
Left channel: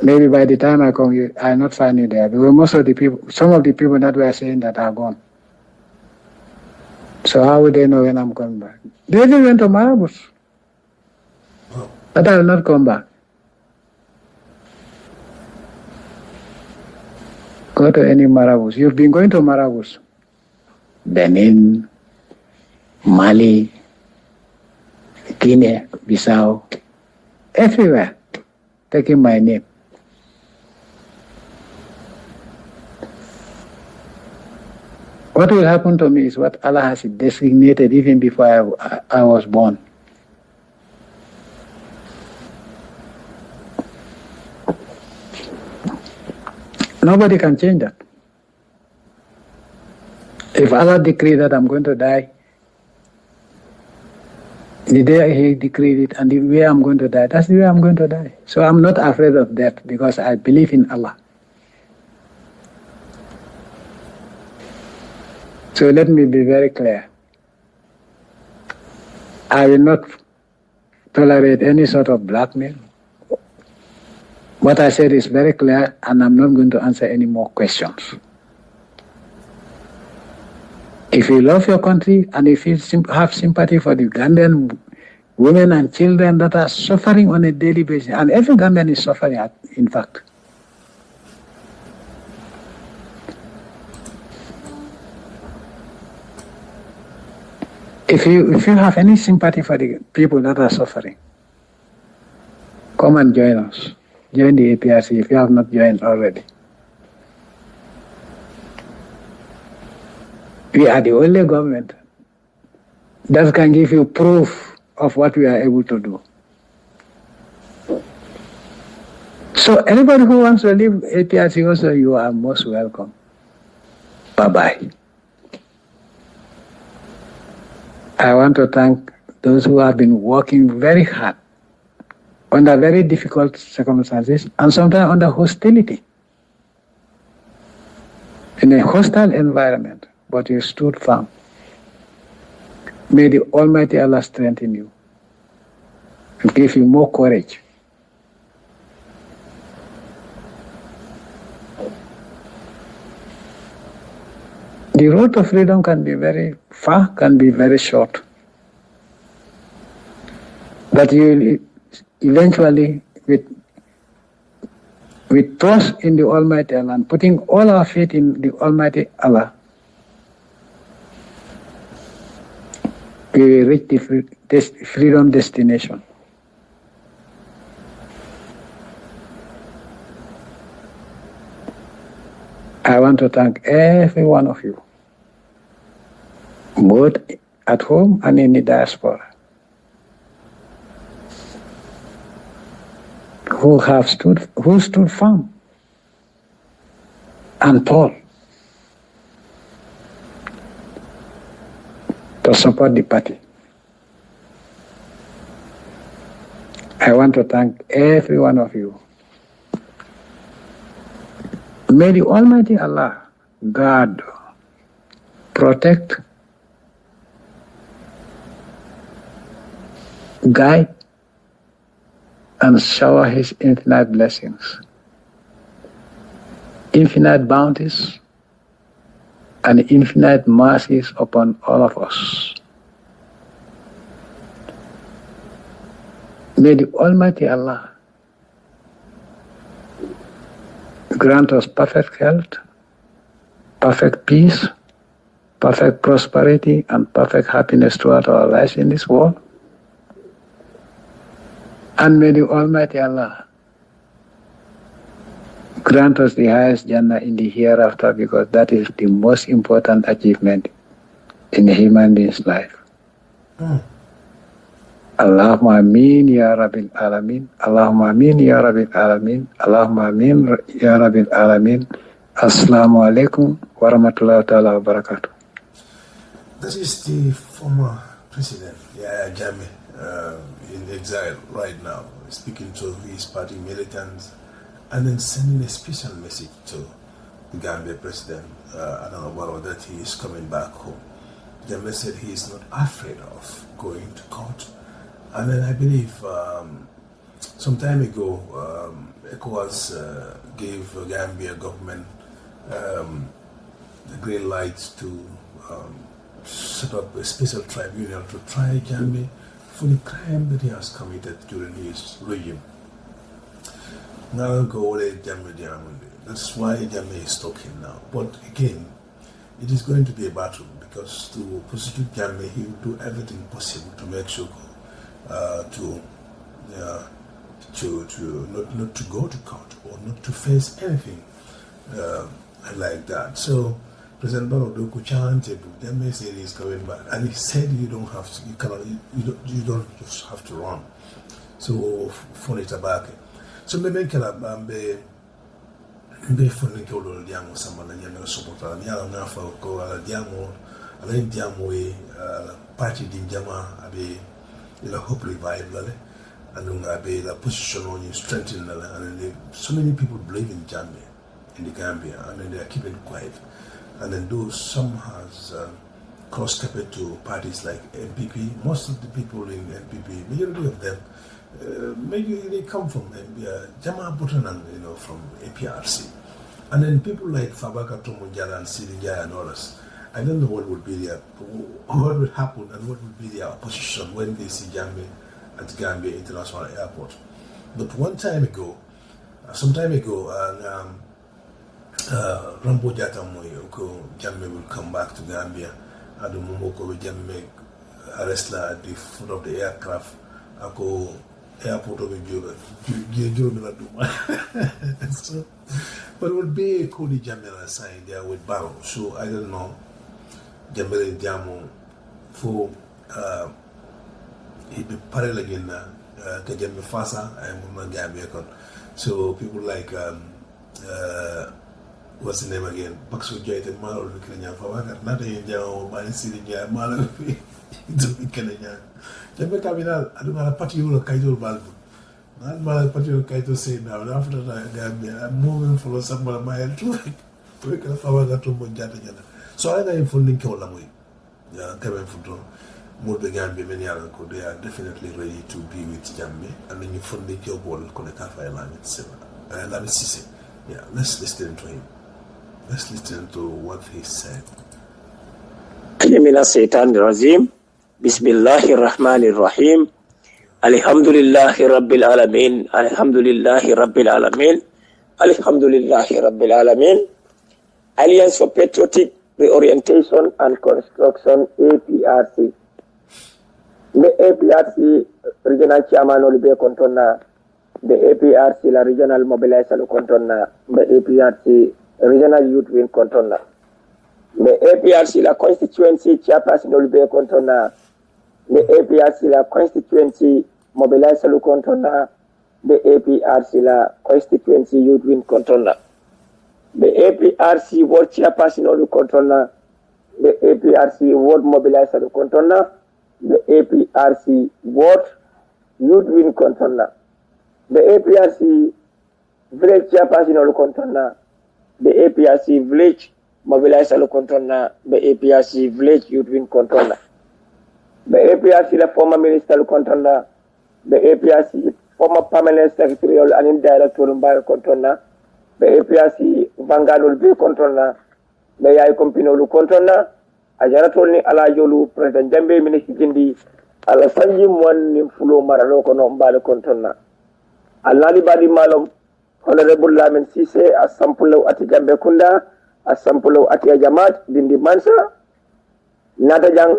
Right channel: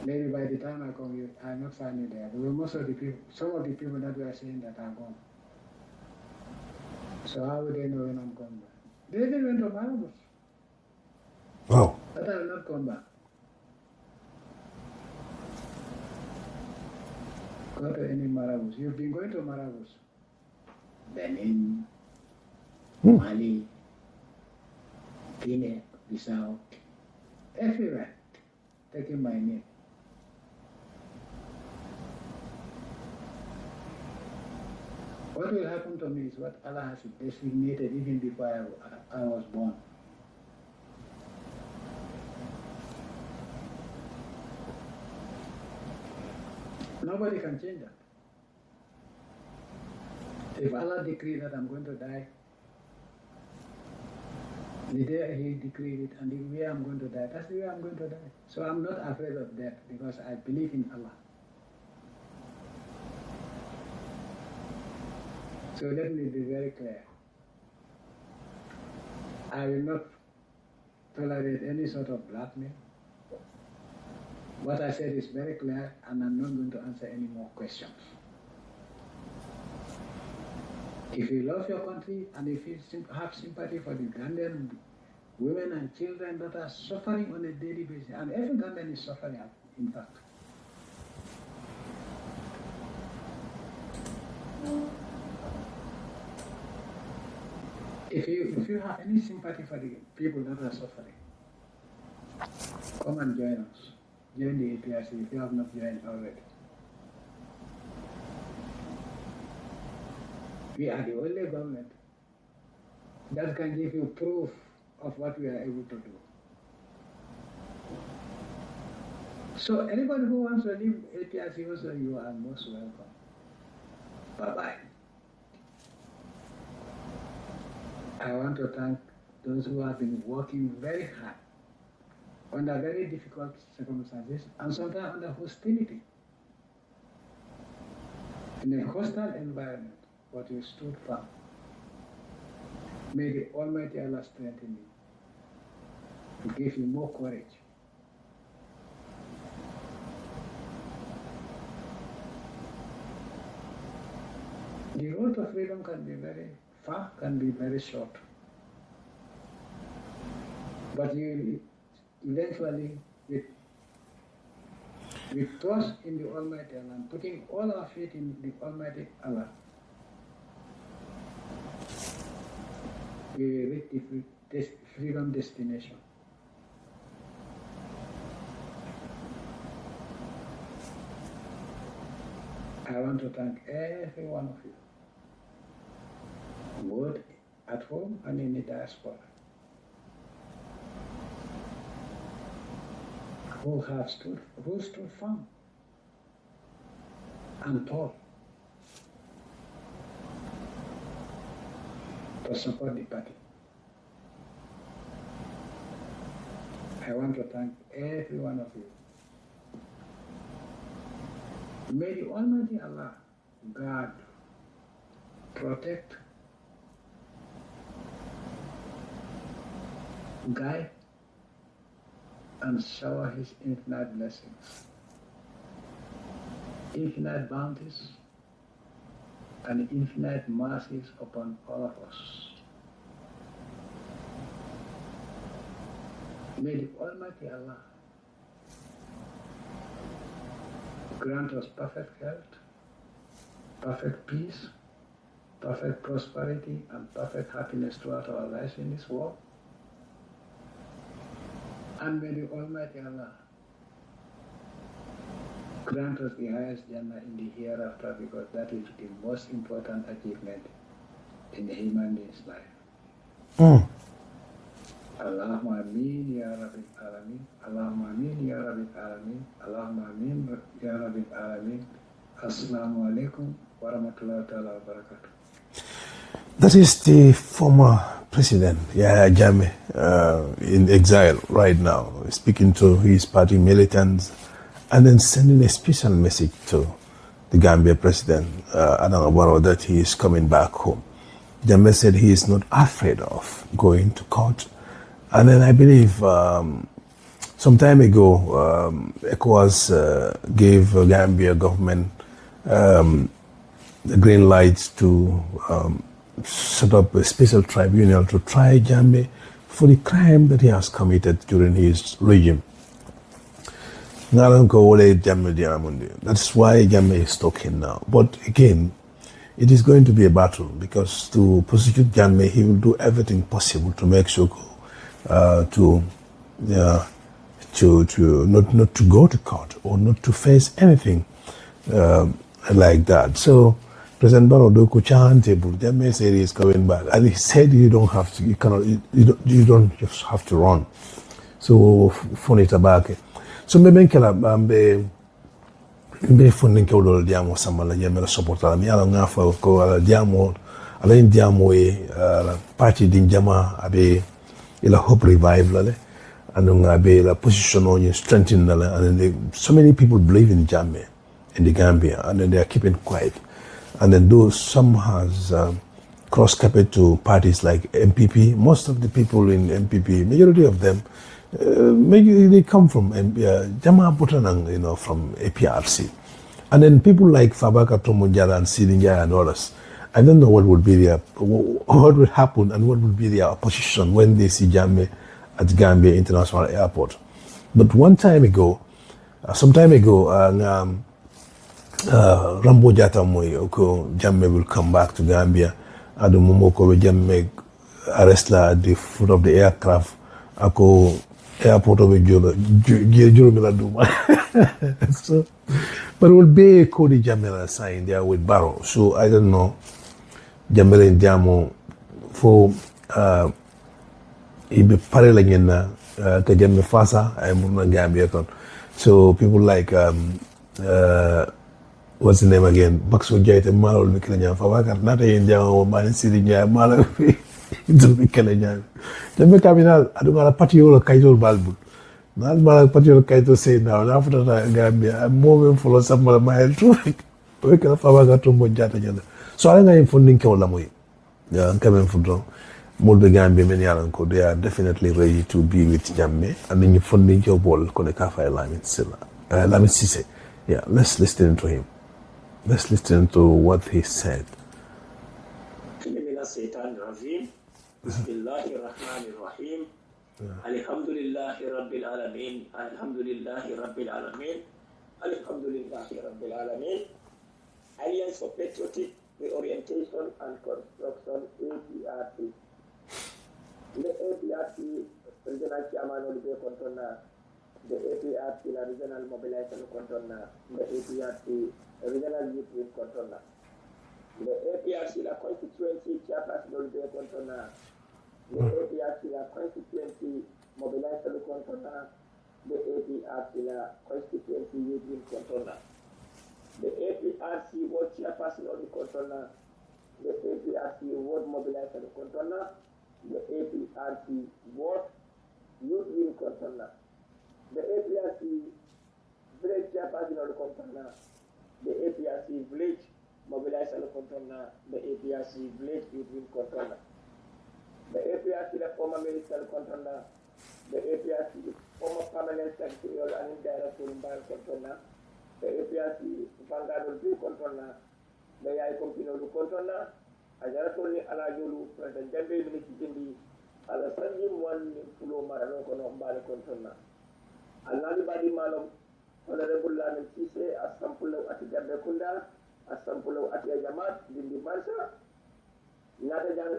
Maybe by the time I come, I'll not find you there. Because some of the people that were saying that are gone. So how would they know when I'm coming back? They even went to Marabus. Wow. But I will not come back. Go to any Marabus. You've been going to Marabus. Benin, Mali, Guinea, Bissau, everywhere, taking my name. What will happen to me is what Allah has designated even before I was born. Nobody can change that. If Allah decreed that I'm going to die, the day He decreed it and the way I'm going to die, that's the way I'm going to die. So I'm not afraid of death because I believe in Allah. So let me be very clear. I will not tolerate any sort of blackmail. What I said is very clear, and I'm not going to answer any more questions. If you love your country and if you have sympathy for the Gambian women and children that are suffering on a daily basis, and every Gambian is suffering, in fact. If you have any sympathy for the people that are suffering, come and join us. Join the APRC if you have not joined already. We are the only government that can give you proof of what we are able to do. So anybody who wants to leave APRC also, you are most welcome. Bye-bye. I want to thank those who have been working very hard under very difficult circumstances and sometimes under hostility. In a hostile environment, but you stood firm. May the Almighty Allah strengthen you and give you more courage The road to freedom can be very far, can be very short. But you will eventually, with trust in the Almighty Allah and putting all our faith in the Almighty Allah, we will reach the freedom destination. I want to thank every one of you, both at home and in the diaspora, who stood firm and tall to support the party. I want to thank every one of you. May the Almighty Allah guard, protect, guide, and shower His infinite blessings, infinite bounties, and infinite mercies upon all of us. May the Almighty Allah grant us perfect health, perfect peace, perfect prosperity, and perfect happiness throughout our lives in this world. And may the Almighty Allah grant us the highest Jannah in the hereafter, because that is the most important achievement in a human being's life. Allahumma ameen ya Rabbil Alameen. Allahumma ameen ya Rabbil Alameen. Allahumma ameen ya Rabbil Alameen. Assalamu alaikum wa rahmatullahi ta'ala wa barakatuh. That is the former president, Yaya Jammeh, in exile right now, speaking to his party militants and then sending a special message to the Gambia president, Barrow, that he is coming back home. Jammeh said he is not afraid of going to court. And then I believe some time ago, ECOWAS gave Gambia government the green light to set up a special tribunal to try Jammeh for the crime that he has committed during his regime. That's why Jammeh is talking now. But again, it is going to be a battle, because to prosecute Jammeh, he will do everything possible to make sure not to go to court or not to face anything like that. So President Barrow Jammeh said he is coming back, and he said you don't just have to run. So funny tabake. So maybe funding kewdol diamo samala Jammeh supporter mi ala ngafa ko ala diamo ala indiamo la party din jama abe ila hope revive lale and abe la position on you strengthen lale, and so many people believe in Jammeh in the Gambia, and then they are keeping quiet. And then those some has cross carpet to parties like MPP. Most of the people in MPP, majority of them, they come from Jammeh Butanang, from APRC. And then people like Fabaka Tomonjala and Silinjaya and others. I don't know what would happen and what would be their opposition when they see Jammeh at Gambia International Airport. But some time ago, Rambo Jata Moy, Jammeh will come back to Gambia. Adu Momoko Jammeh arrest at the foot of the aircraft. Ako airport of Duma. So, but it will be a Cody Jammeh sign there with Barrow. So I don't know. Jammeh and Jamo for be parallel in Jammeh Fasa and Gambia. So people like what's the name again? Baxo Jait and Malo Mikanya Fawaka, not a Jamo, Man City, Malo into Mikanya. Jammeh Caminal, I don't know a patio Kaito Balbu. Not my patio Kaito say now, after that Gambia, I'm moving for some of my traffic. We can Fawaka to Mojata. So I think I'm funding Kaolamoy. Yeah, I'm coming from John. Mulbe Gambia, many Aranko, they are definitely ready to be with Jammeh. And then you funding your ball, Konekafa Lamin Silla. Lamin Sise. Yeah, let's listen to him. Let's listen to what he said. من الشيطان الرجيم بسم الله الرحمن الرحيم الحمد لله رب العالمين الحمد لله رب العالمين الحمد لله رب العالمين Alliance for Patriotic Reorientation and Construction APRC the APRC regional chairman Olivier Contona the APRC la regional mobilizer Contona the APRC regional youth wing Contona the APRC la constituency chairperson Olivier Contona the APRC la constituency mobilizer Contona the APRC la constituency youth wing Contona the APRC ward chairperson Olivier Contona the APRC ward mobilizer Contona the APRC ward youth wing Contona the APRC village chairperson Olivier Contona the APRC village mobilizer Contona the APRC village youth wing Contona the APRC la former minister Contona the APRC former permanent secretary and indirect Barrow Contona the APRC Vanguard Contona the Yaya Compino Contona Ajaratolni Alajolu President Jammeh Minister Jindi Ala Sanji Mwan Nimfulo Maraloko no Mbale Contona Alali Badi Malom Honorable Lamin Sise a sampulo ati Gambia Kunda a sampulo ati Jamat Dindi Mansa Nata Jang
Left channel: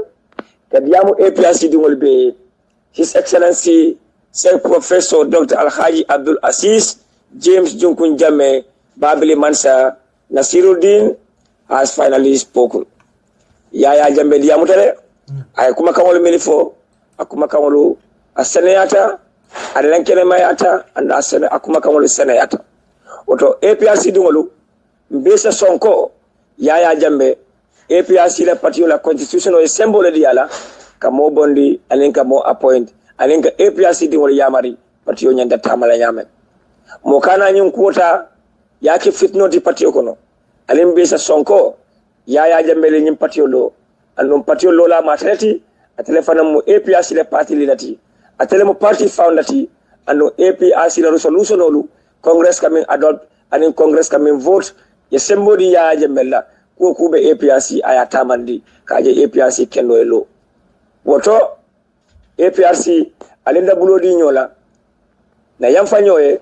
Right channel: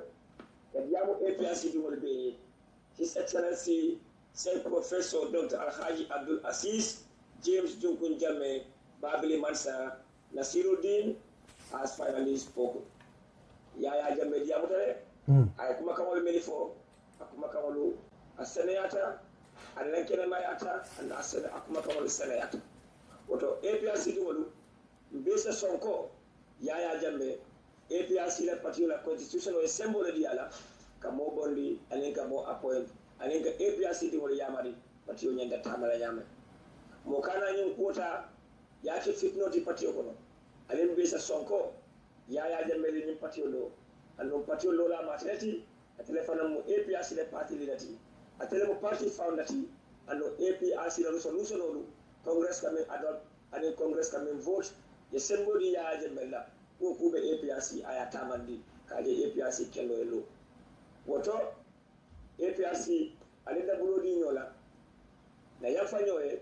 Kadiamu APRC Dingol Be His Excellency Sir Professor Dr. Alhaji Abdul Aziz James Junkun Jammeh Babili Mansa Nasiruddin has finally spoken. Yaya Jammeh diamu tare ay kuma kamolu milifo akuma kamolu aseneyata adelankene mayata anda asene akuma kamolu seneyata oto APRC dingolu mbesa sonko Yaya Jammeh APRC la parti la constitutional symbole diala kamo bondi alinka mo appoint alinka APRC dingolu yamari parti nyanda tamala yame mo kana nyun kuota yake fitno di parti kono alim besa sonko Yaya Jammeh le nyim parti lo andum parti lo la matreti atele fanam mo APRC le parti lilati atele mo parti foundati andum APRC la resolution olu congress kamin adopt anin congress kamin vote ye sembodi Yaya Jammeh la ko kube APRC aya tamandi kaje APRC kendo elo woto APRC alinda bulodi nyola na yamfa nyoye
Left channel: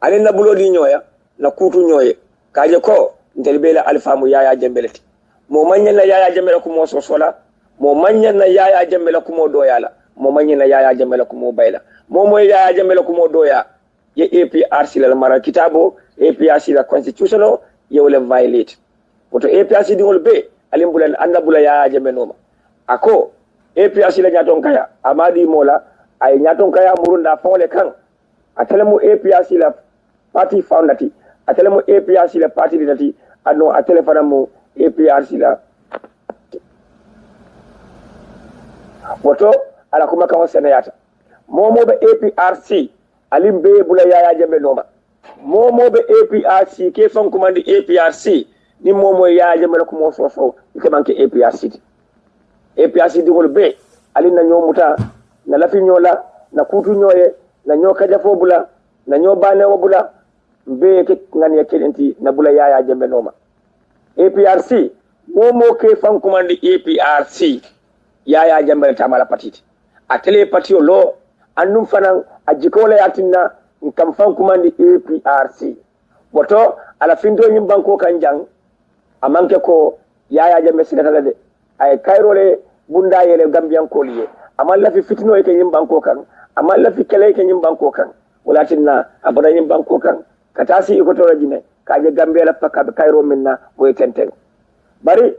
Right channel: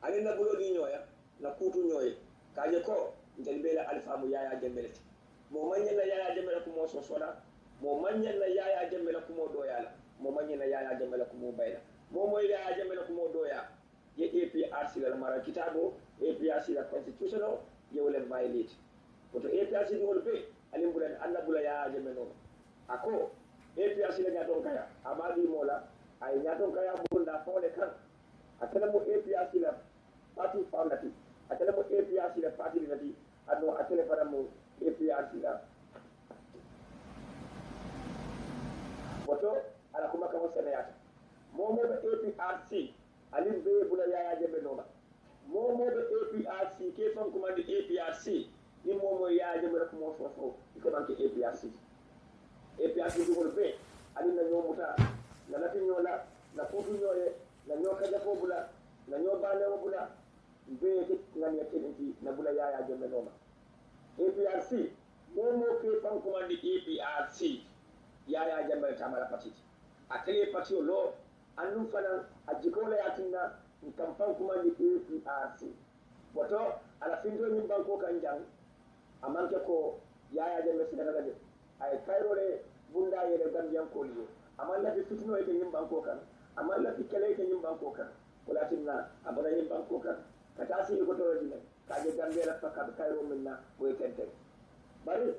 alinda bulodi nyoya na kutu nyoye kaje ko ndelbela alfamu Yaya Jammeh lati mo manyen na Yaya Jammeh ko mo sosola mo manyen na Yaya Jammeh ko mo doyala mo manyen na Yaya Jammeh ko mo bayla mo Yaya Jammeh ko mo doya ye APRC la mara kitabo APRC la constitutional ye wala violate woto APRC dingol be alimbulan andabula Yaya Jammeh noma ako APRC la nyaton kaya amadi mola ay nyaton kaya murunda fawle kan atelemu APRC la party foundati atelemu APRC la party lidati adno atele fanamu APRC la woto ala kuma kan senayata momo be APRC alimbe bula Yaya Jammeh noma momo be APRC ke fon commande APRC ni momo Yaya Jammeh ko mo so ke manke APRC APRC digol be alina nyomuta na lafi nyola na kutu nyoye na nyoka jafo bula na nyobane bula be ke ngani yakelenti na bula Yaya Jammeh noma APRC momo ke fan commande APRC Yaya Jammeh tamala patiti atele patio lo annum fanan ajikola yatinna kam fan commande APRC woto ala findo nyim banko kanjang amanke ko Yaya Jammeh sidata de ay kayrole bunda yele Gambian koliye amalla fi fitno e ke nyim banko kan amalla fi kele ke nyim banko kan walatinna abada nyim banko kan katasi iko to rajine kaje Gambia la pakka kayro minna boy tenten bari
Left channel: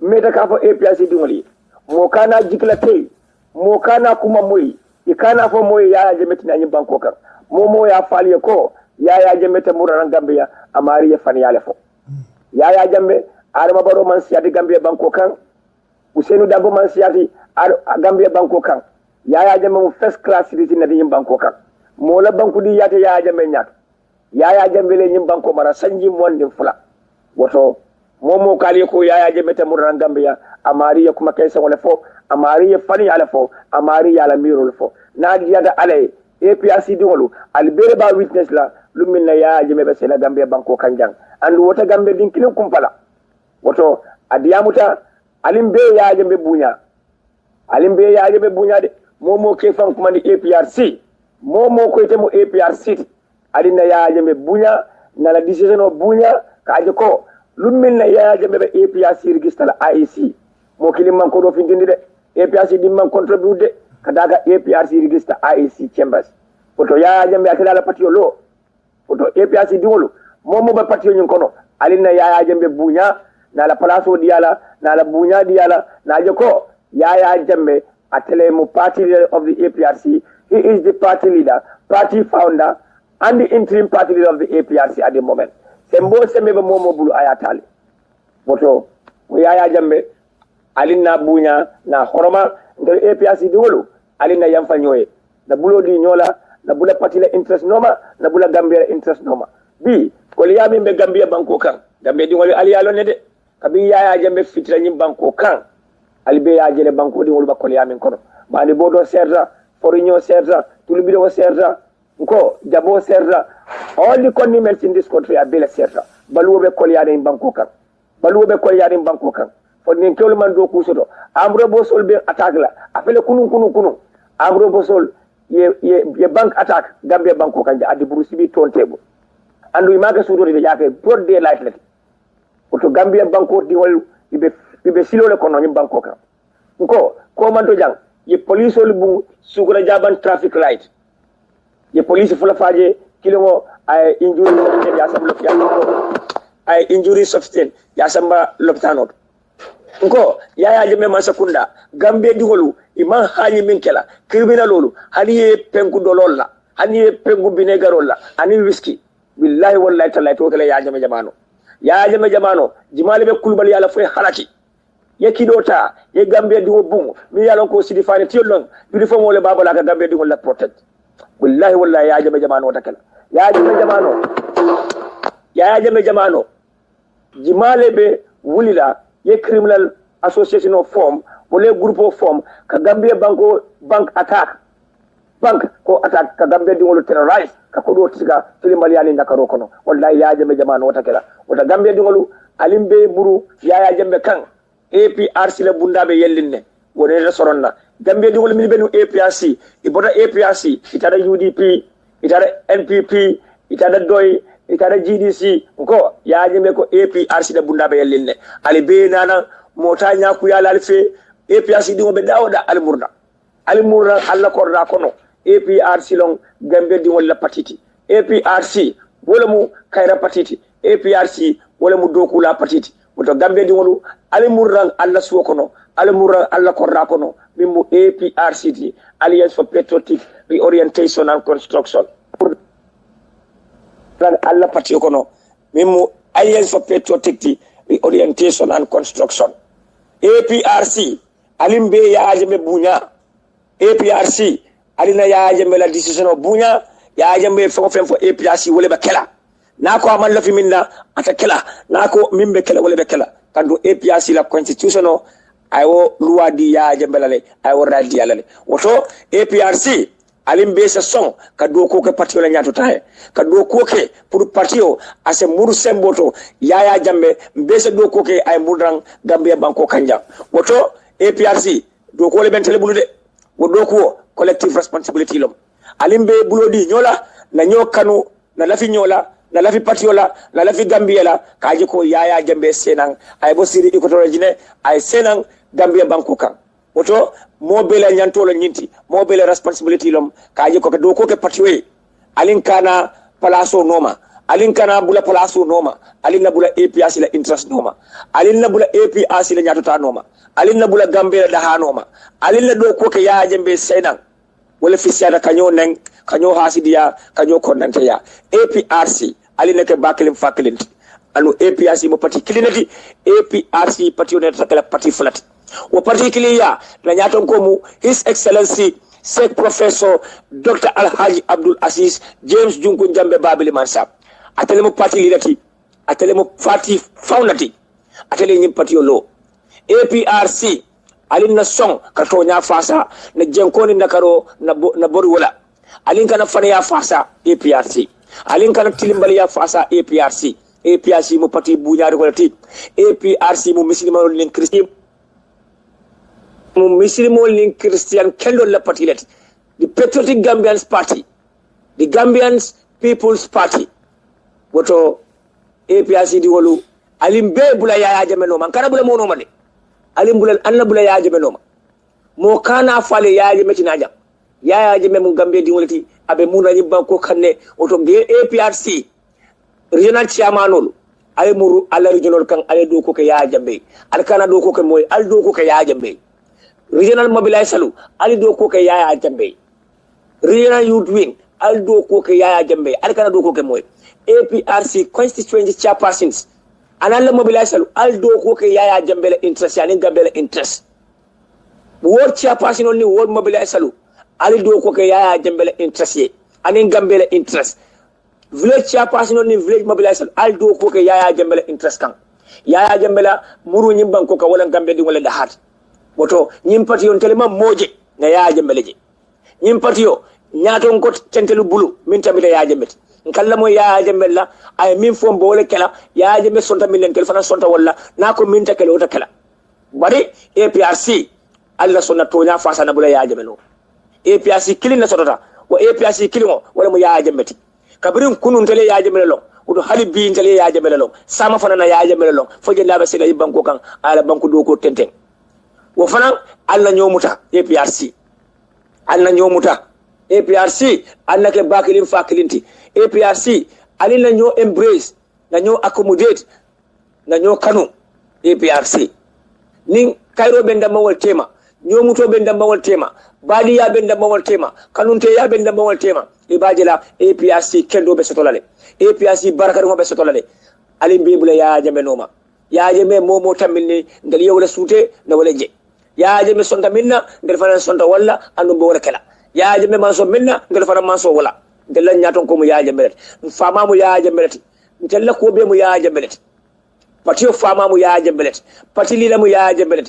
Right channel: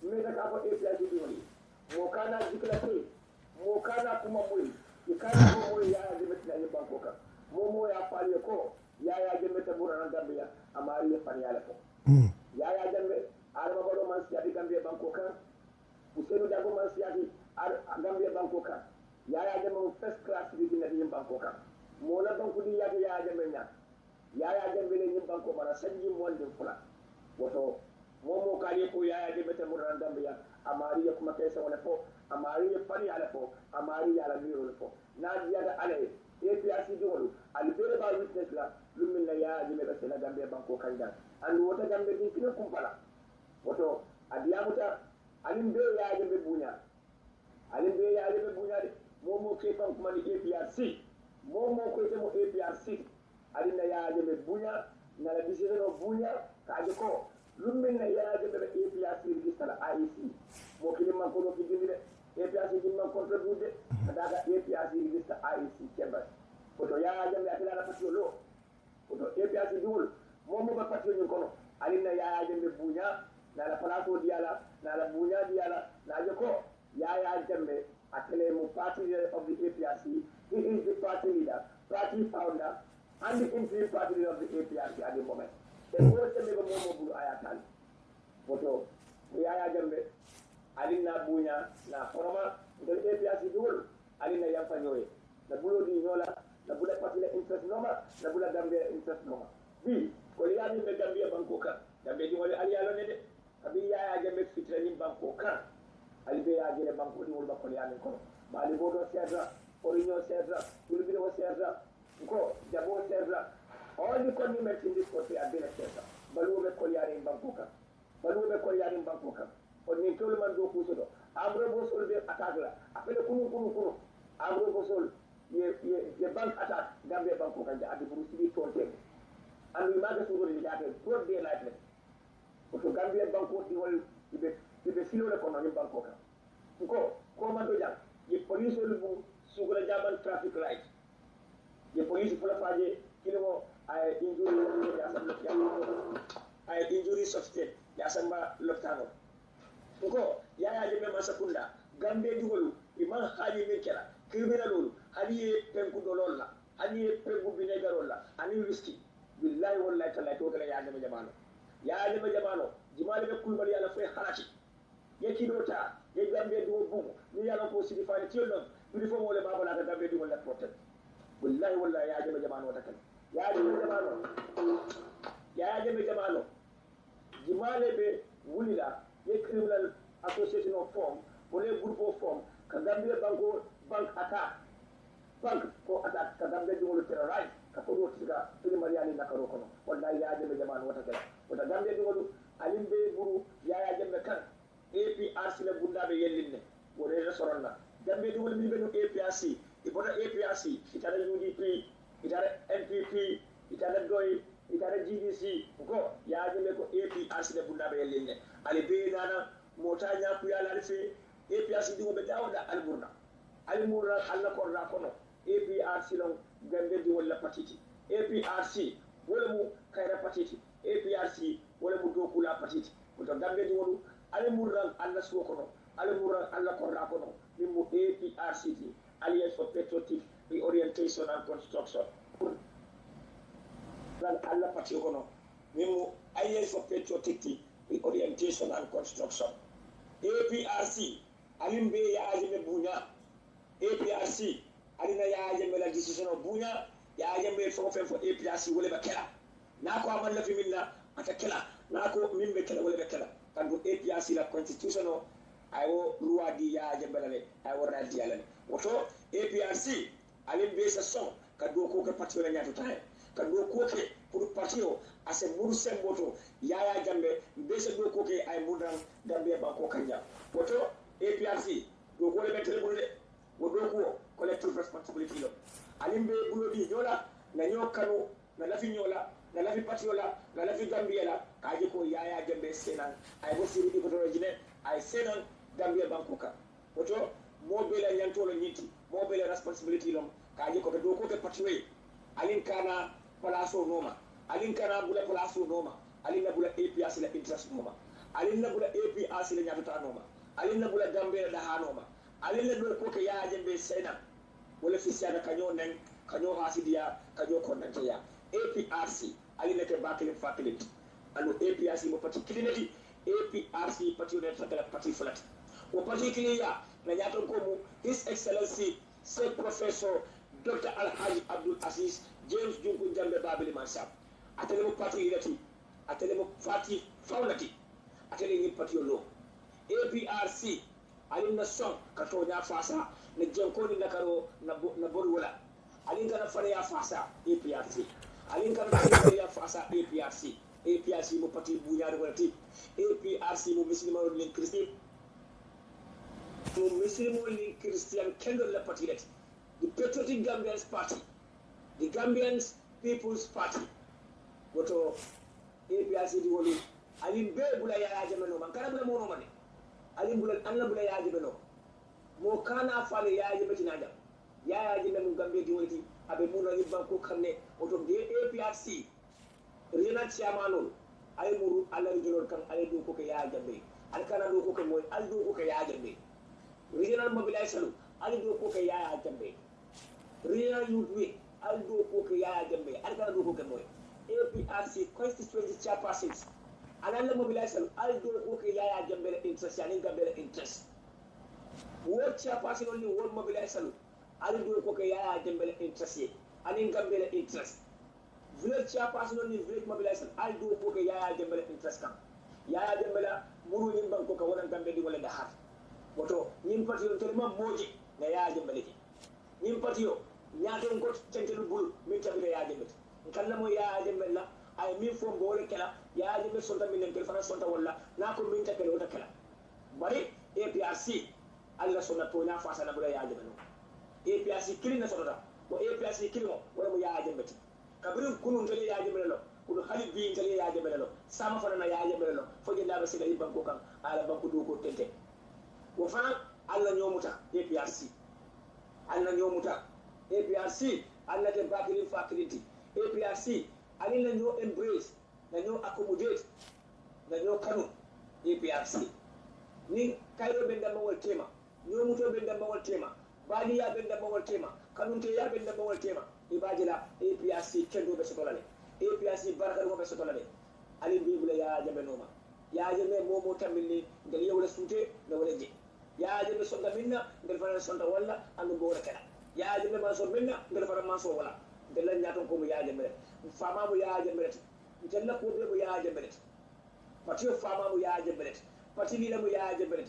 meta ka fo APRC dingoli mo kana jikla tay mo kana kuma moy ikana fo moy Yaya Jammeh tina nyim banko kan mo ya faliye ko Yaya Jammeh te murana Gambia amari ya fan yale fo Yaya Jammeh Adama Barrow man siyati Gambia banko kan Usenu Dabo man siyati Gambia banko kan Yaya Jammeh mo first class citizen na nyim banko kan mo la banku di yate Yaya Jammeh nyak Yaya Jammeh le nyim banko mara sanji monde fula woto momo kali ko Yaya Jammeh te murana Gambia amari ya kuma kaysa wala fo amari ya fani ala fo amari ya la mirol fo na diada ale APRC dingolu albere ba witness la lumminna Yaya Jammeh be sena Gambia banko kanjang andu wota Gambia din kilin kumpala woto adiyamuta alimbe Yaya Jammeh bunya de momo ke fan kuma ni APRC momo ko ite mo APRC adina Yaya Jammeh bunya na la decision o bunya kaje ko lumminna Yaya Jammeh be APRC register la IEC mo kilim man ko do findindi de APRC dimman contribute de kadaga APRC register IEC chambers woto Yaya Jammeh akila la patio lo woto APRC dingolo momo ba patio nyin kono alina Yaya Jammeh bunya na la palaso diala na la bunya diala na je ko Yaya Jammeh atele mu party leader of the APRC. He is the party leader, party founder, and the interim party leader of the APRC at the moment. Sembo semebe momo bulu ayatali. Woto Yaya Jammeh alina bunya na horoma ngel APRC dingolo alina yamfa nyoye na bulo di nyola na bula party la interest noma na bula Gambia interest noma bi ko liyami be Gambia banko kan Gambia dingolo aliyalo ne de kabi Yaya Jammeh fitra nyim banko kan albe ya jele banko dingolo ba ko liyami kono mani bodo serra forinho serra tulubido serra ko jabo serra all the condiments in this country are bela serra baluwe ko liyade banko kan fodni kewlu man do kusoto amro bosol be attaque la afele kunu amro bosol ye bank attaque Gambia banko kanja adi burusibi ton tebo andu imaga sudo de jake pour de light let to Gambia banko di wol ibe silole kono nyim banko kan ko man to jang ye police ol bu sugura jaban traffic light ye police fula faje kilimo ay injury ya sablo ay injury substance ya samba loptano Yaya Jammeh man sakunda Gambia dingolu iman hali min kela criminalolu hani pengu dololla hani pengu binegarolla ani whisky billahi wallahi tallahi to kala Yaya Jammeh jamano jimale be kulbal yala fay halaki yekidota ye Gambia dingo bungu mi yalon ko sidi fane tiolon bi fo mole babala ka Gambia dingo la protect billahi wallahi Yaya Jammeh jamano takala Yaya Jammeh jamano jimale be wulila ye criminal association of form wala group of form ka Gambia bank attack ka Gambia dingolo terrorize ka ko do tiga tilimal yani ndakaro kono wallahi Yaya Jammeh jamano watakela wata Gambia dingolo alimbe buru Yaya Jammeh kan APRC la bundabe yellinne woni resoronna Gambia dingolo min benu APRC ibota APRC itara UDP itara NPP itara DOI itara GDC Yaya Jammeh ko APRC da bundabe yellinne ali be nana mota nyaku yala alfe APRC dingo be dawda almurda alla korda kono APRC long Gambia dingo la patiti APRC wala mu kayra patiti APRC wala mu doku la patiti to Gambia dingo almurda alla suwo kono almurda alla korda kono mimu APRC Alliance for Patriotic Reorientation and Construction alla patio kono mimu Alliance for Patriotic Reorientation and Construction APRC alimbe Yaya Jammeh bunya APRC alina Yaya Jammeh la decision o bunya Yaya Jammeh fo APRC wole be kela nako amal la fi minna ata kela nako mimbe kela wole be kela kando APRC la constitution o ayo loi di Yaya Jammeh la le ayo radi la le woto APRC alimbe sa son ka do ko ke parti la nyato tae ka do ko ke pour parti o ase muru semboto Yaya Jammeh mbese do ko ke ay murdan Gambia banko kanja woto APRC do ko le bentele bulude wo do ko collective responsibility lom alimbe bulodi nyola na nyokanu na lafi nyola na lafi parti ola na lafi Gambia la kaji ko Yaya Jammeh senang ay bo siri ikotoro jine ay senang Gambia banko kan woto mobile nyantolo nyinti mobile responsibility lom kaji ko do ko ke patiwe alin kana palaso noma alin kana bula palaso noma alin na bula APRC la interest noma alin na bula APRC la nyatota noma alin na bula Gambia da ha noma alin na do ko ke Yaya Jammeh senan wala fisiada kanyo neng kanyo hasidia kanyo kondante ya APRC alin na ke bakelim fakelin anu APRC mo parti kilinati APRC parti on takala parti flat o particulier la nyaton ko mu His Excellency Sheikh Professor Dr. Alhaji Abdul Aziz James Junko Jammeh Babili Mansa atele mo parti lidati atele mo parti foundati atele nyim parti lo APRC alin na song kato nya fasa na jenkoni nakaro na boru wala alin kana fane ya fasa APRC alin kana tilimbali ya fasa APRC mo parti buñaari ko ti APRC mo muslimol nin christian mo muslimol nin christian kendo la parti let the patriotic Gambians party the Gambians people's party woto APRC di wolu alim be bula Yaya Jammeh no man kana bula mono made alim bula anna bula Yaya Jammeh no mo kana fale Yaya Jammeh tinaja Yaya Jammeh mun Gambia di wolati abe muna ni banko kanne woto be APRC regional chairman ay muru ala regional kan ale do ko ke Yaya Jammeh al kana do ko ke moy al do ko ke Yaya Jammeh regional mobilisalu al do ko ke Yaya Jammeh regional youth wing al do ko ke Yaya Jammeh al kana do ko ke moy APRC constituency chairpersons anala mobilisalu al do ko ke Yaya Jammeh la interest yani Gambia la interest ward chairperson ni ward mobilisalu al do ko ke Yaya Jammeh la interest ani Gambia la interest village chairperson ni village mobilisation aldo ko ke Yaya Jammeh la interest kan Yaya Jammeh la muru nyim banko ka wala Gambia di wala da hat boto nyim pati on telema moje na Yaya Jammeh leje nyim pati yo nyaato ko tentelu bulu min tamita Yaya Jammeh kala mo Yaya Jammeh la ay min fom bo wala kala Yaya Jammeh sonta min len tel fana sonta wala nako min takelo wota kala bari APRC alla sonna tonya fasa na bula Yaya Jammeh no APRC kilin na sotota wo APRC kilin wala mo Yaya Jammeh kabirin kunun tele Yaya Jammeh long udo halibi tele Yaya Jammeh long sama fana na Yaya Jammeh long foje laaba sila banko kan ala banko do ko tenten wo fana alla nyomuta APRC alla nyomuta APRC alla ke bakilin fakilinti APRC ali na nyo embrace na nyo accommodate na nyo kanu APRC nin kairo benda mawal tema nyomuto benda mawal tema bali ya benda mawal tema kanunte ya benda mawal tema ibajela APRC kendo be sotolale APRC barakatu be sotolale ali bibula Yaya Jammeh noma Yaya Jammeh momo tamilni ngal yewla sute na wala je Yaya Jammeh sonta minna ngal fana sonta wala andu bo wala kala Yaya Jammeh man so minna ngal fana man so wala ngal nyaton ko mu Yaya Jammeh fama mu Yaya Jammeh ntella ko be mu Yaya Jammeh patio fama mu Yaya Jammeh pati lila mu Yaya Jammeh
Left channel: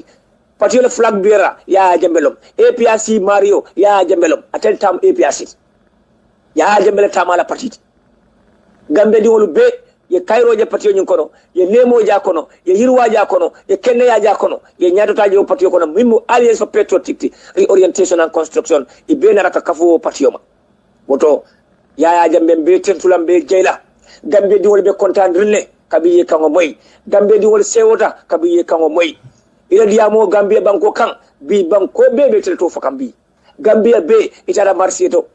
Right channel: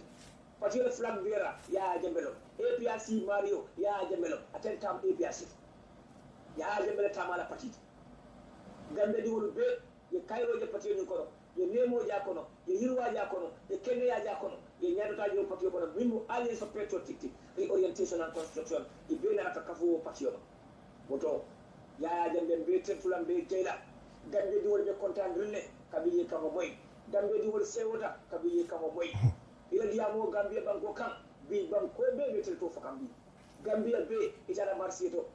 pati la flag bearer Yaya Jammeh APRC Mario Yaya Jammeh atel tam APRC Yaya Jammeh tamala parti Gambia di wolu be ye Cairo je parti nyin kono ye Nemo ja kono ye Yirwa ja kono ye Kenya ja kono ye nyadota je parti kono mimu alliance for patriotic reorientation and construction e be na raka kafu parti ma woto Yaya Jammeh be tentulam be jeyla Gambia di wolu be kontan rille kabiye kango moy Gambia di wolu sewota kabiye kango moy ila diamo Gambia banko kan bi banko be telto fakam bi Gambia be itara marsieto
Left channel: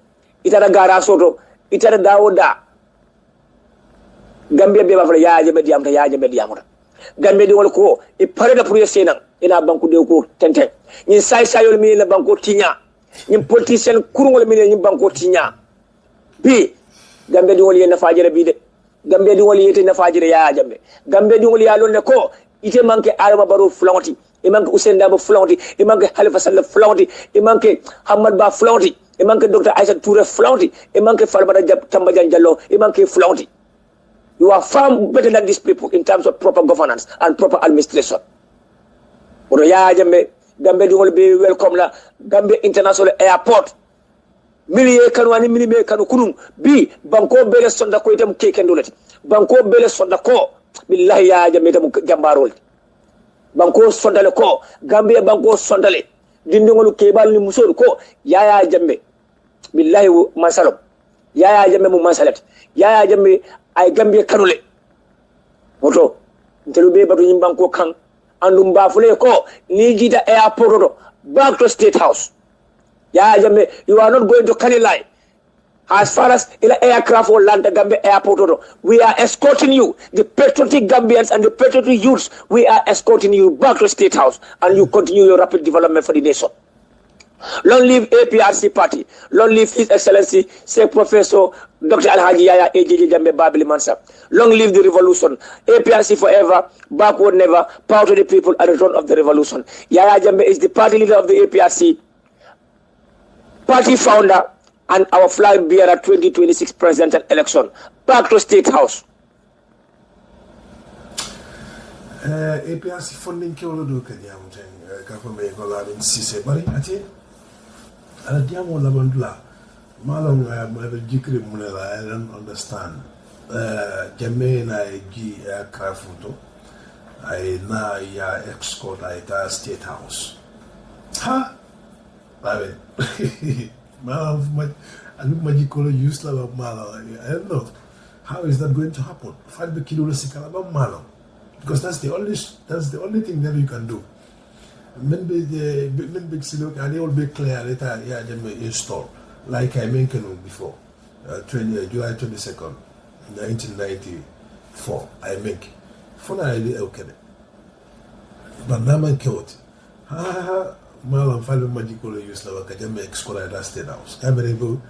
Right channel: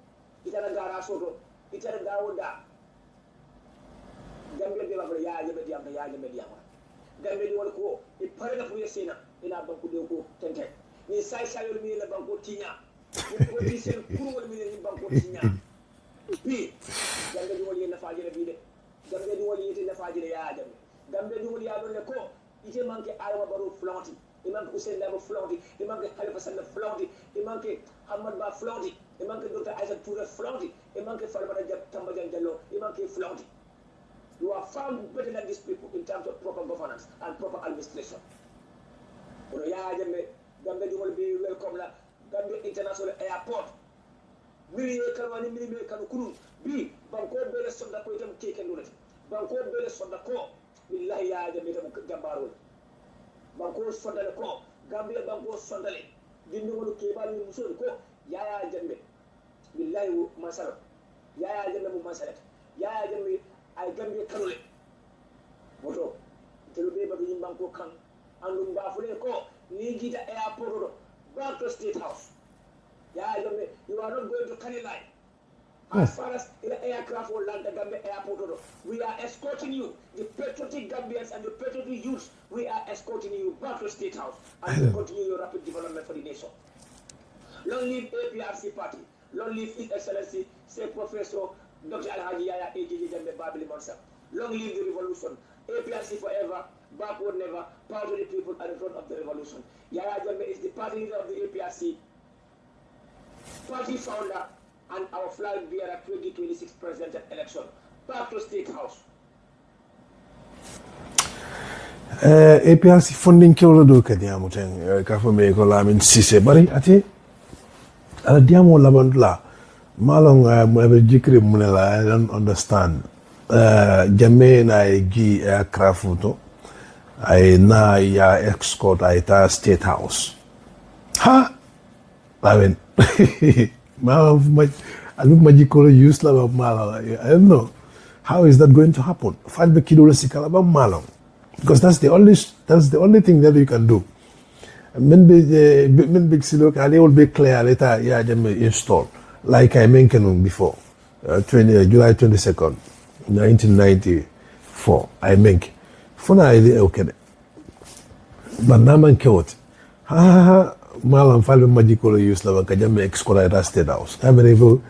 itara gara soto itara dawoda Gambia be bafala Yaya Jammeh diamta Yaya Jammeh diamta Gambia di wol ko e pareda pour yesena ina banku de ko tenten ni say sayol mi la banko tinya ni politicien kurungol mi ni banko tinya bi Gambia di wol yena fajira bi de Gambia di wol yete na fajira Yaya Jammeh Gambia di wol ya lon ne ko ite manke Adama Barrow flanti e manke Ousainou Darboe flanti e manke Halifa Sallah flanti e manke Hamad Ba flanti e manque Dr. Isaac Touré flaunty e manque Falmata Tambajan Jallow e manque flaunty you are far better than these people in terms of proper governance and proper administration odo Yaya Jammeh Gambia di wol be welcome la Gambia International Airport miliye kanu ani miliye kanu kunun bi banko bele sonda ko itam kekendulati banko bele sonda ko billahi Yaya Jammeh tam jambarol banko sondale ko Gambia banko sondale dindingolu kebal ni musol ko Yaya Jammeh billahi masalom Yaya Jammeh mu masalat Yaya Jammeh ay Gambia kanule moto ntelu be batu nyimbanko kan andum bafule ko ni jita airport do back to State House Yaya Jammeh you are not going to Kanilai as far as ila aircraft or land Gambia airport we are escorting you the patriotic Gambians and the patriotic youths we are escorting you back to State House and you continue your rapid development for the nation. Long live APRC party, long live His Excellency Sheikh Professor Dr. Alhaji Yaya AJJ Jammeh Babili Mansa. Long live the revolution. APRC forever, backward never, power to the people at the return of the revolution. Yaya Jammeh is the party leader of the APRC, party founder and our flag bearer 2026 presidential election. Back to State House. APRC funding kewlo do kadi amuten ka fo me ko lamin sise bari ati ala diamo labandula Malong jikri munela, I don't understand. Jammeh na gi aircraft to. I na ya escort I ta state house. Ha! I mean, Malong, I look magical use la Malong. I don't know. How is that going to happen? Falbe kidole sikala ba Malong. Because that's the only thing that you can do. Men big silo ali will be clear later yeah Jammeh install. Like I mentioned before, July 22nd, 1994, I make. Funa idea okay. But now man killed. Ha malam falbe magical use la ka Jammeh excola at state house. I mean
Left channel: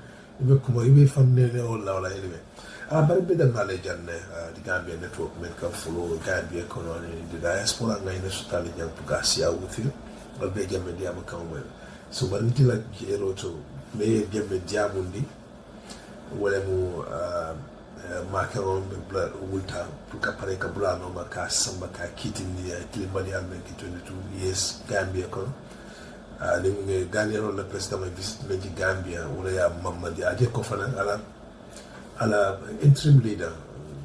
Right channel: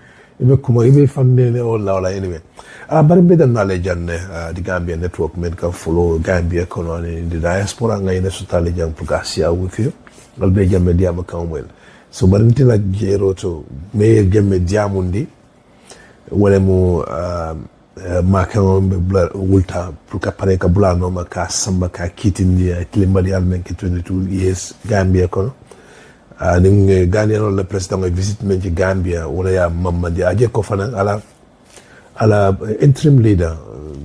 if kuma if family all now like anyway. But better knowledge and the Gambia network men can follow Gambia economy in the diaspora and in the Sutali Jang Pugasia with you. I'll be Jammeh Diama Kamwell. So but until I Jero to may Jammeh Diamundi wala mo makon wulta puka pareka bulano maka samba ka kitindi kilimbali almen ki 22 years Gambia kono ning Gambia no le president visit men ci Gambia wala ya mamadi aje ko fana ala interim leader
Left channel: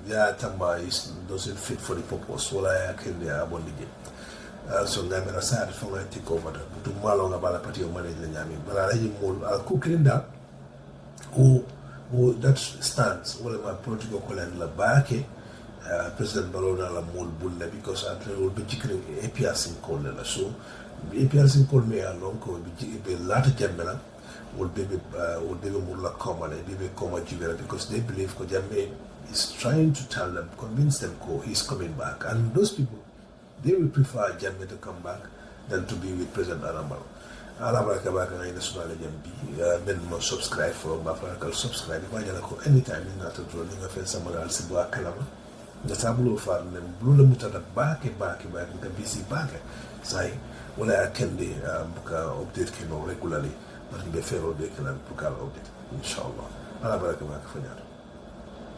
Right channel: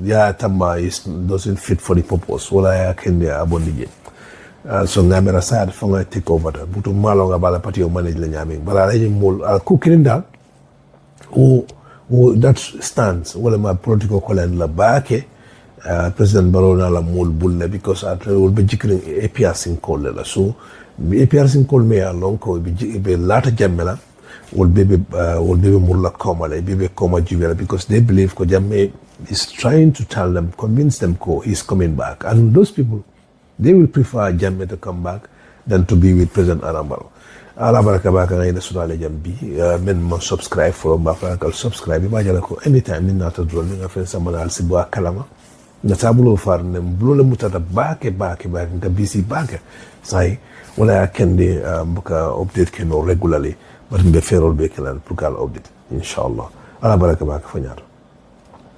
ya tamba doesn't fit for the purpose wala ya kende abondije so ngamera sad fonga take over da butu malonga bala party o manage la nyami bala lay mol ku kirinda who that stands wala ma protocol kolen la baake president Barrow na la mol bulle because after will be jikring APRC in call la so APRC in call me along ko be lata Jammeh will be mulla koma like be koma jibela because they believe ko Jammeh is trying to tell them, convince them ko he's coming back, and those people they will prefer Jammeh to come back than to be with President Barrow. Ala baraka baka ngay na sudale jambi men mo subscribe for mbaka kal subscribe ba jala ko anytime ni nata drone nga fen sama al sibo kalama na tabulo far ne blo mutata bake nga bisi bake sai wala kende mbuka update keno regularly but mbe ferol be kelan pour kala update inshallah ala baraka baka fa ñato